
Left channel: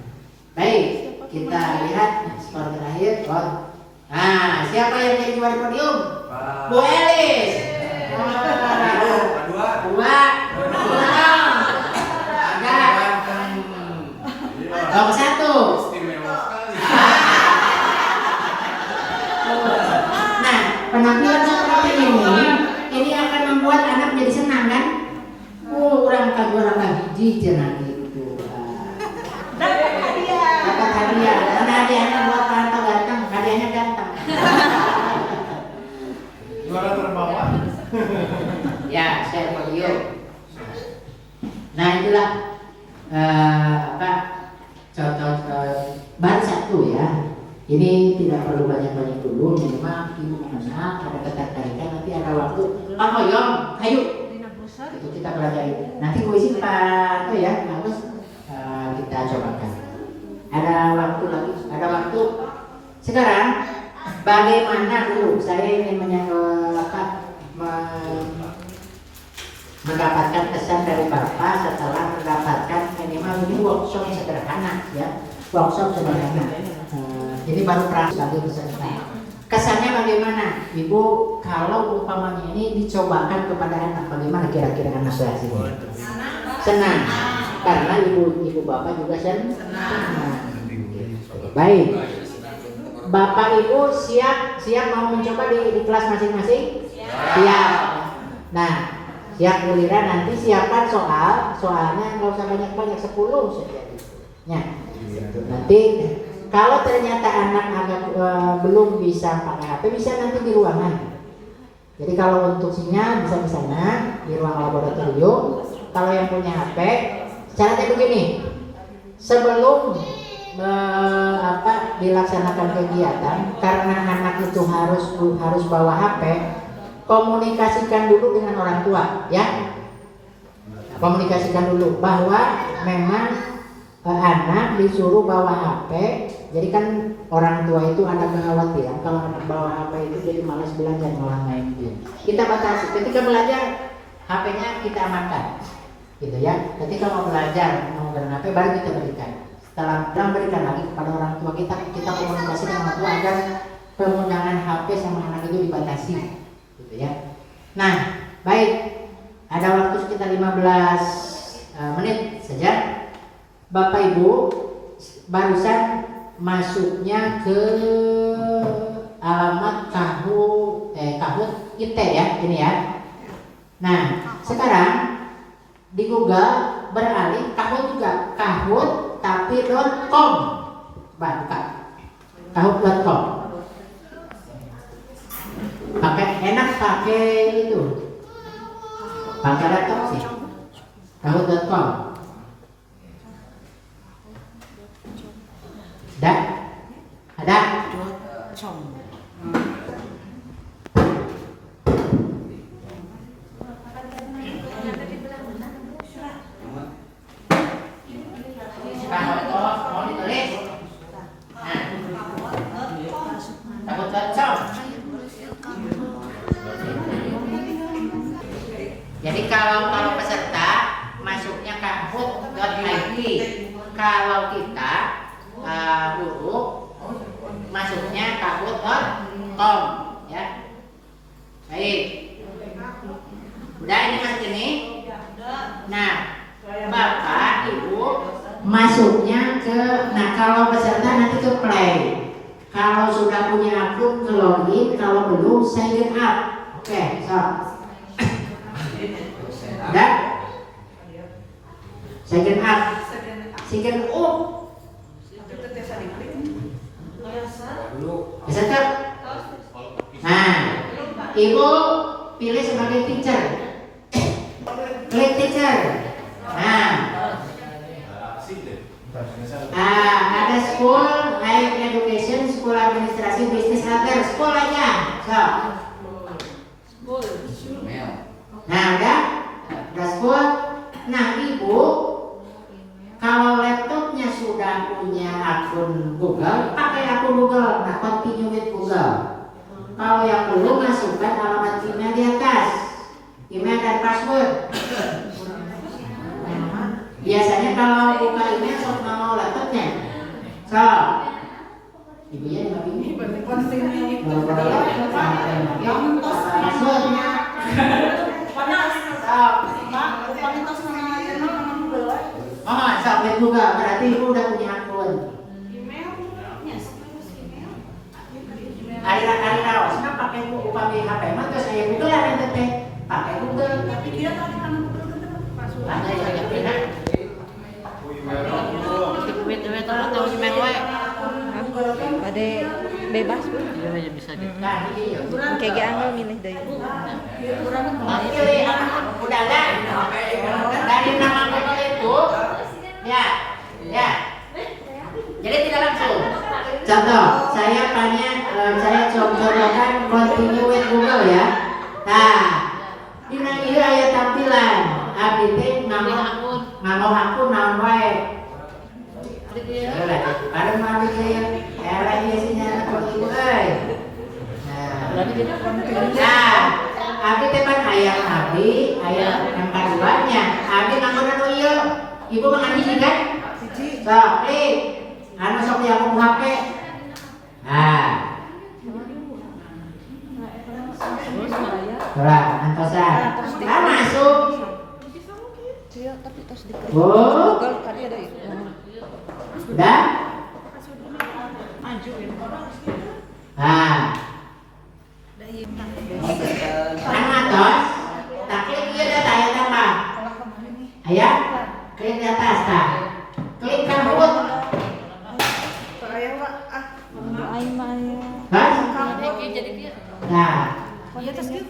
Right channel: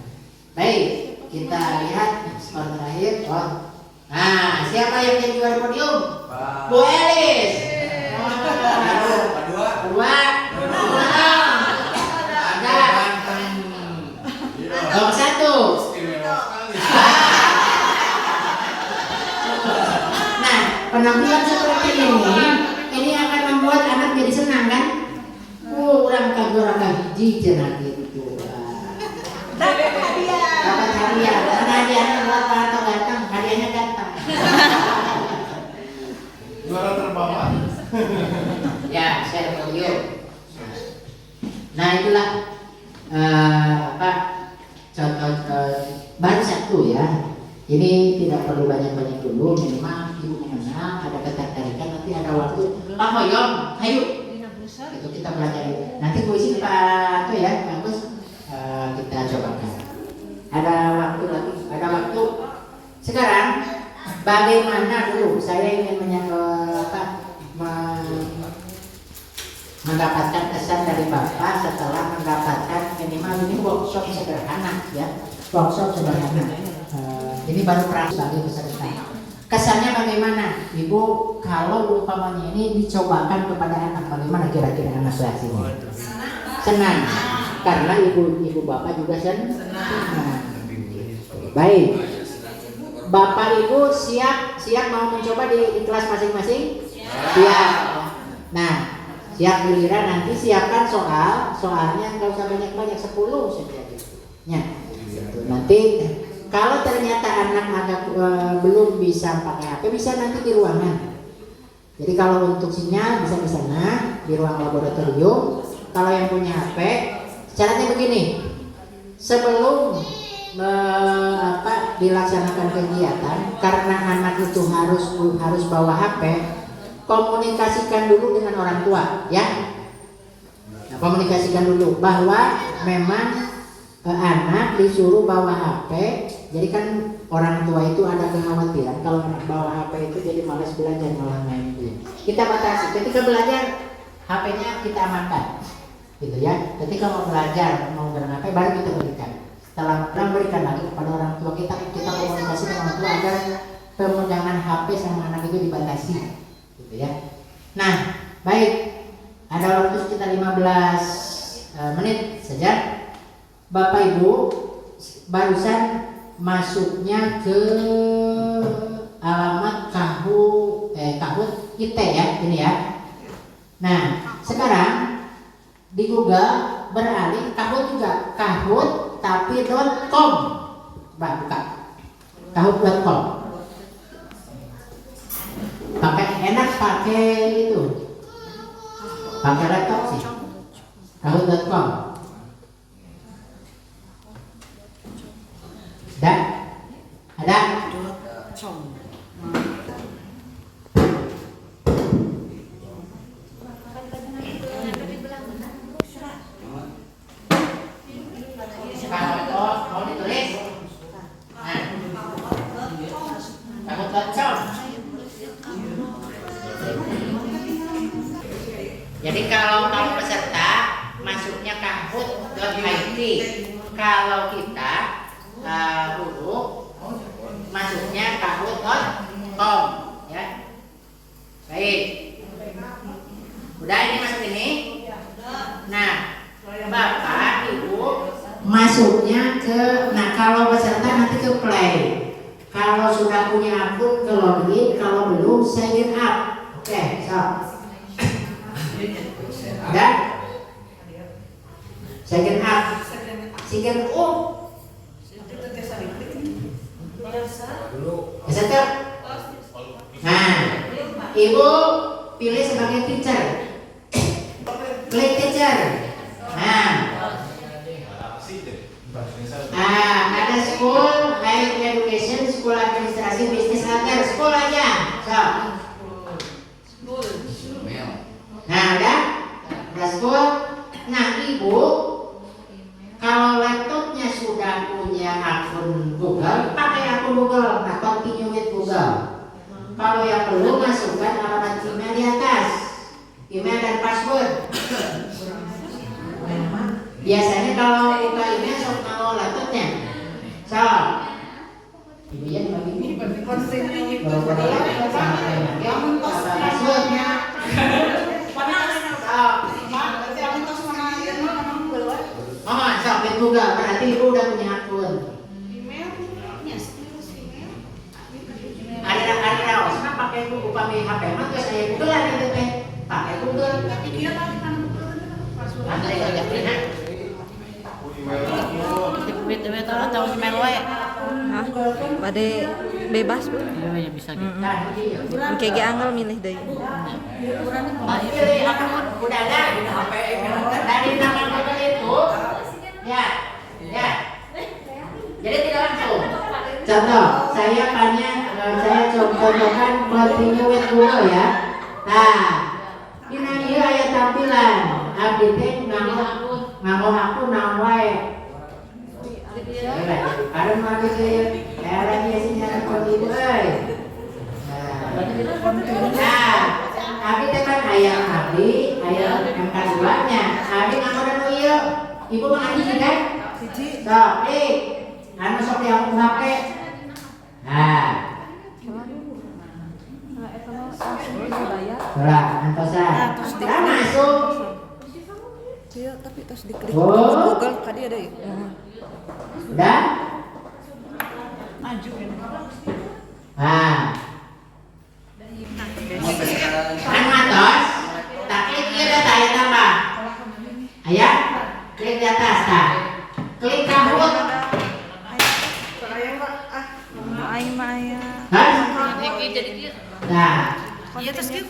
baik, kita lihat skor terakhir. Nah, siapa yang jadi juara podium? Bu Elis. Dua. Nomor 1. Nah, penampilan seperti ini akan membuat anak jadi senang kan? Orang hiji cenah gitu. Dapat hadiah. Karena hadiahnya buat Pak ganteng, hadiahnya ganteng. Juara terbawa. Ya, share podium. Nah, itulah contoh baru satu ya. Ini tidak perlu banyak-banyak dulu, minimal ibu mengenal, ada ketertarikan, nanti ada waktu. Pak Hoyong, ayo. Itu kita belajar. Nanti kuisi Pak itu ya, bagus. Kita cobakan. Ada waktu lagi, ada waktu. Sekarang bagaimana dulu? Saya ingin mendapatkan kesan dari Bapak setelah mendapatkan minimal ini workshop sederhana ya, workshop sederhana. Ini baru praktis bagi peserta. Kesannya bagaimana, Ibu? Kalau umpamanya ini dicobakan kepada anak, bagaimana kira-kira anak reaksinya? Senang, karena ibu bapak juga senang. Baik, Bapak Ibu siap mau mencoba di kelas masing-masing? Siap. Nah, siap giliran nanti siapkan soalnya nggak usah banyak-banyak 10 saja gitu. Ya, nanti kalau ternyata anak agak belum bisa pakai HP, bisa nanti di ruangan. Jadi kalau untuk sinyal bisa di sana di ruang laboratorium. Kalau yang punya HP, caranya begini: sebelum dilaksanakan kegiatan, karena anak itu harus bawa HP, komunikasikan dulu dengan orang tua, ya. Komunikasikan dulu bahwa memang anak disuruh bawa HP. Jadi kan orang tua itu ada kekhawatiran kalau anak bawa HP itu jadi malas belajar, malah main game. Kita batasi. Ketika belajar, HP-nya kita amankan, gitu ya. Ketika mau belajar, mau dengan HP baru kita berikan. Setelah berikan lagi kepada orang tua kita komunikasi dengan orang tua agar penggunaan HP sama anak itu dibatasi, gitu ya. Nah, baik, ada waktu sekitar 15 menit saja. Bapak Ibu barusan masuknya ke alamat kahut IT ya, ini ya. Nah, sekarang di Google beralih kahut juga, kahut tapi .com. Buka kahut.com. Enak pakai itu, pakai laptop sih. Kahut.com. Ada? Mau ditulis? Kahut.com. Jadi kalau peserta masuknya kahut.it, kalau kita guru masuknya kahut.com, ya. Baik. Udah ini masuk ini. Nah, Bapak Ibu masuknya ke, kalau peserta nanti ke play. Kalau sudah punya akun ke login, kalau belum sign up. Oke, so. Udah? Sign up. Sign up. Peserta. Nah, Ibu pilih sebagai teacher. Klik teacher. Nah, ada school, higher education, school administrasi, bisnis antar, school aja. So. Nah, udah school. Nah, Ibu kalau laptopnya sudah punya akun Google, pakai akun Google, nah continue with Google. Kalau yang belum, masukkan alamat email di atas, email dan password. Biasanya kalau buka email sok mau laptopnya. So, ibu ya ini continue with Google. Yang passwordnya. Sampai juga berarti Ibu udah punya akun. Ada Osma pakai HP mah terus saya Google lah itu teh. Pakai Google. Tapi dia tadi kan Google ada yang pernah. Tahu email wae. Pada bebas Bu. Iya bisa di. Kayak angel milih deh. Pilih udah lah. Dari nama Google itu ya. Jadi tidak langsung. Contoh, saya contohkan continue with Google ya. Nah, ini aya tampilan. Abdi teh nama akun naon wae. Ada mau abdi eranya sinyal continue euy. Nah, Abi teman ayam abi, ayam yang keduanya. Abi nganggonan nu ieu. Ibu mah adi kan? Sok, klik. Anu sok dianggo HP. Nah. Ora, antosan. Nah, masuk. Iya, tapi tos diklik. Oh. Google tadi ada itu. Udah? Nah. Kan matos. Tak klik ieu data aya tambah. Aya? Klik di atas tah. Klik kabut. Aing mah aya. Kan? Nah, Iya tos kieu.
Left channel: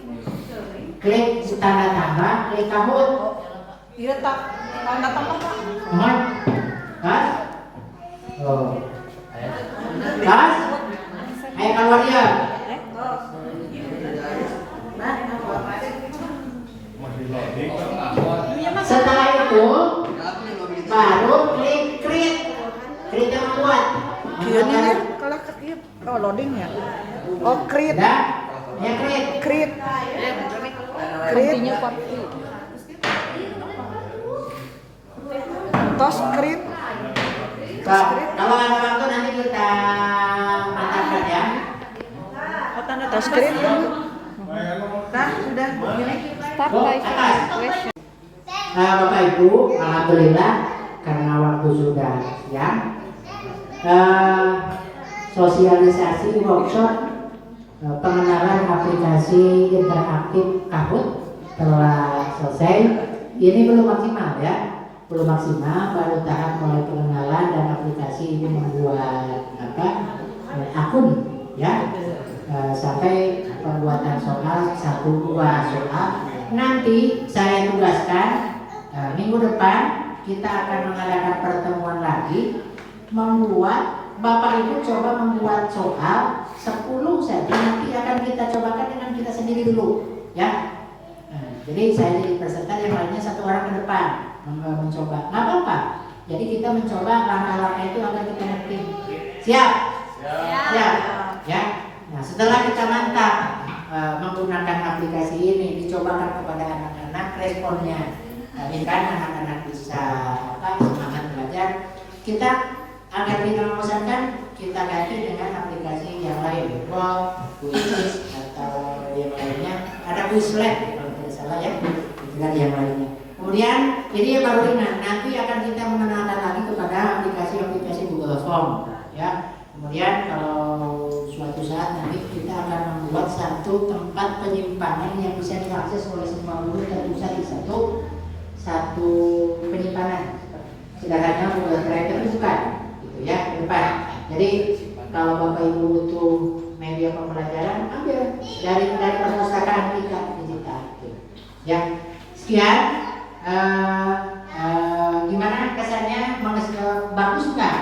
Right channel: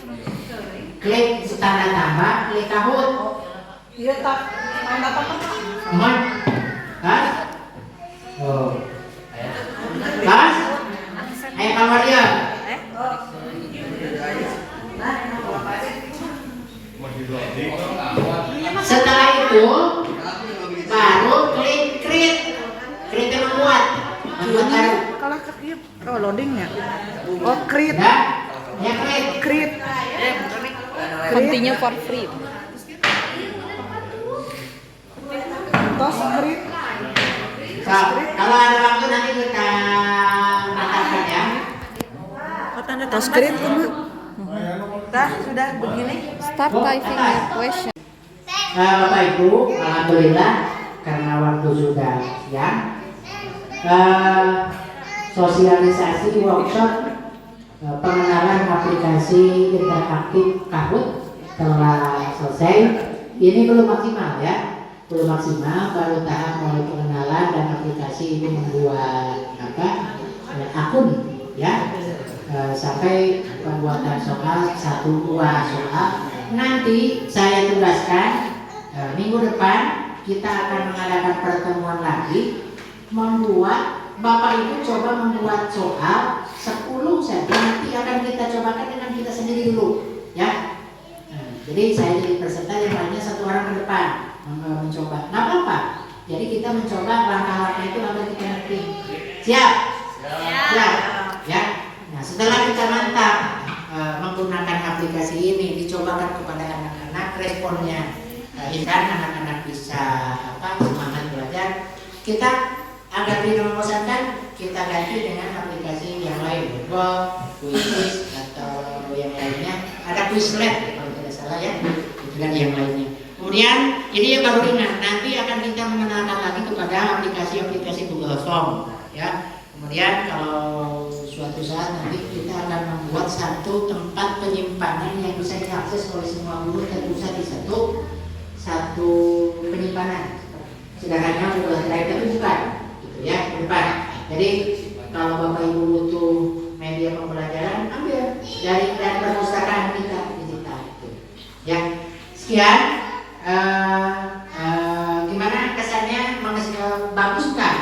klik tanda tambah, klik kabut. Iya tak, tanda tambah. Aman? Kan? Oh. Kas? Ayo keluar dia. Setelah itu baru klik create. Create yang membuat. Membuat Kalau ke ieu, oh loading ya. Oh create, udah? Ya create. create. Continue for free. Tos create. So, kalau ada waktu nanti kita katakan ya. Tos create dulu. Dah, sudah begini. Start typing your question. Bapak Ibu, alhamdulillah karena waktu sudah siang. Sosialisasi workshop pengenalan aplikasi interaktif Kahoot telah selesai. Ini belum maksimal ya, belum maksimal, baru tahap mulai pengenalan dan aplikasi ini membuat akun ya, sampai pembuatan soal 1-2 soal. Nanti saya tugaskan minggu depan kita akan mengadakan pertemuan lagi, membuat Bapak Ibu coba membuat soal 10 saja, nanti akan kita cobakan dengan kita sendiri dulu ya. Jadi saya jadi peserta, yang lainnya 1 orang ke depan mencoba, nggak apa-apa. Jadi kita mencoba langkah-langkah itu agar kita ngerti. Siap? Siap ya. Nah, setelah kita mantap menggunakan aplikasi ini, dicobakan kepada anak-anak, responnya dan anak-anak bisa semangat belajar, kita agar tidak membosankan, kita ganti dengan aplikasi yang lain, Google, Quiz, atau yang lainnya. Ada Quizlet kalau tidak salah ya, itu kan yang lainnya. Kemudian ini yang baru ringan, nanti akan kita mengenalkan lagi kepada aplikasi-aplikasi Google Form ya. Kemudian kalau suatu saat nanti kita akan membuat satu tempat penyimpanan yang bisa diakses oleh semua guru terpusat di satu penyimpanan. Sederhananya Google Drive, tapi bukan gitu ya, ke depan. Jadi kalau Bapak Ibu butuh media pembelajaran, ambil dari perpustakaan kita digital gitu. Ya, sekian. Gimana kesannya? Bagus nggak?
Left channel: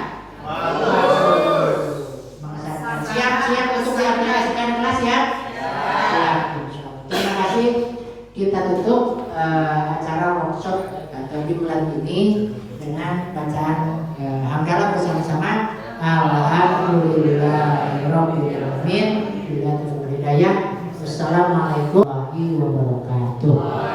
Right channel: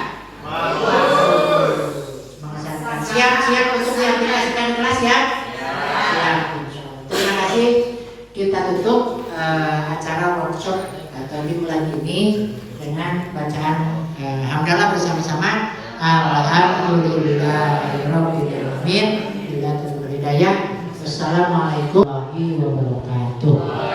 Mengesankan. Siap untuk diaplikasikan di kelas ya? Siap. Terima kasih. Kita tutup acara workshop atau di bulan ini dengan bacaan hamdalah bersama-sama. Alhamdulillahirabbil alamin. Wassalamualaikum warahmatullahi wabarakatuh.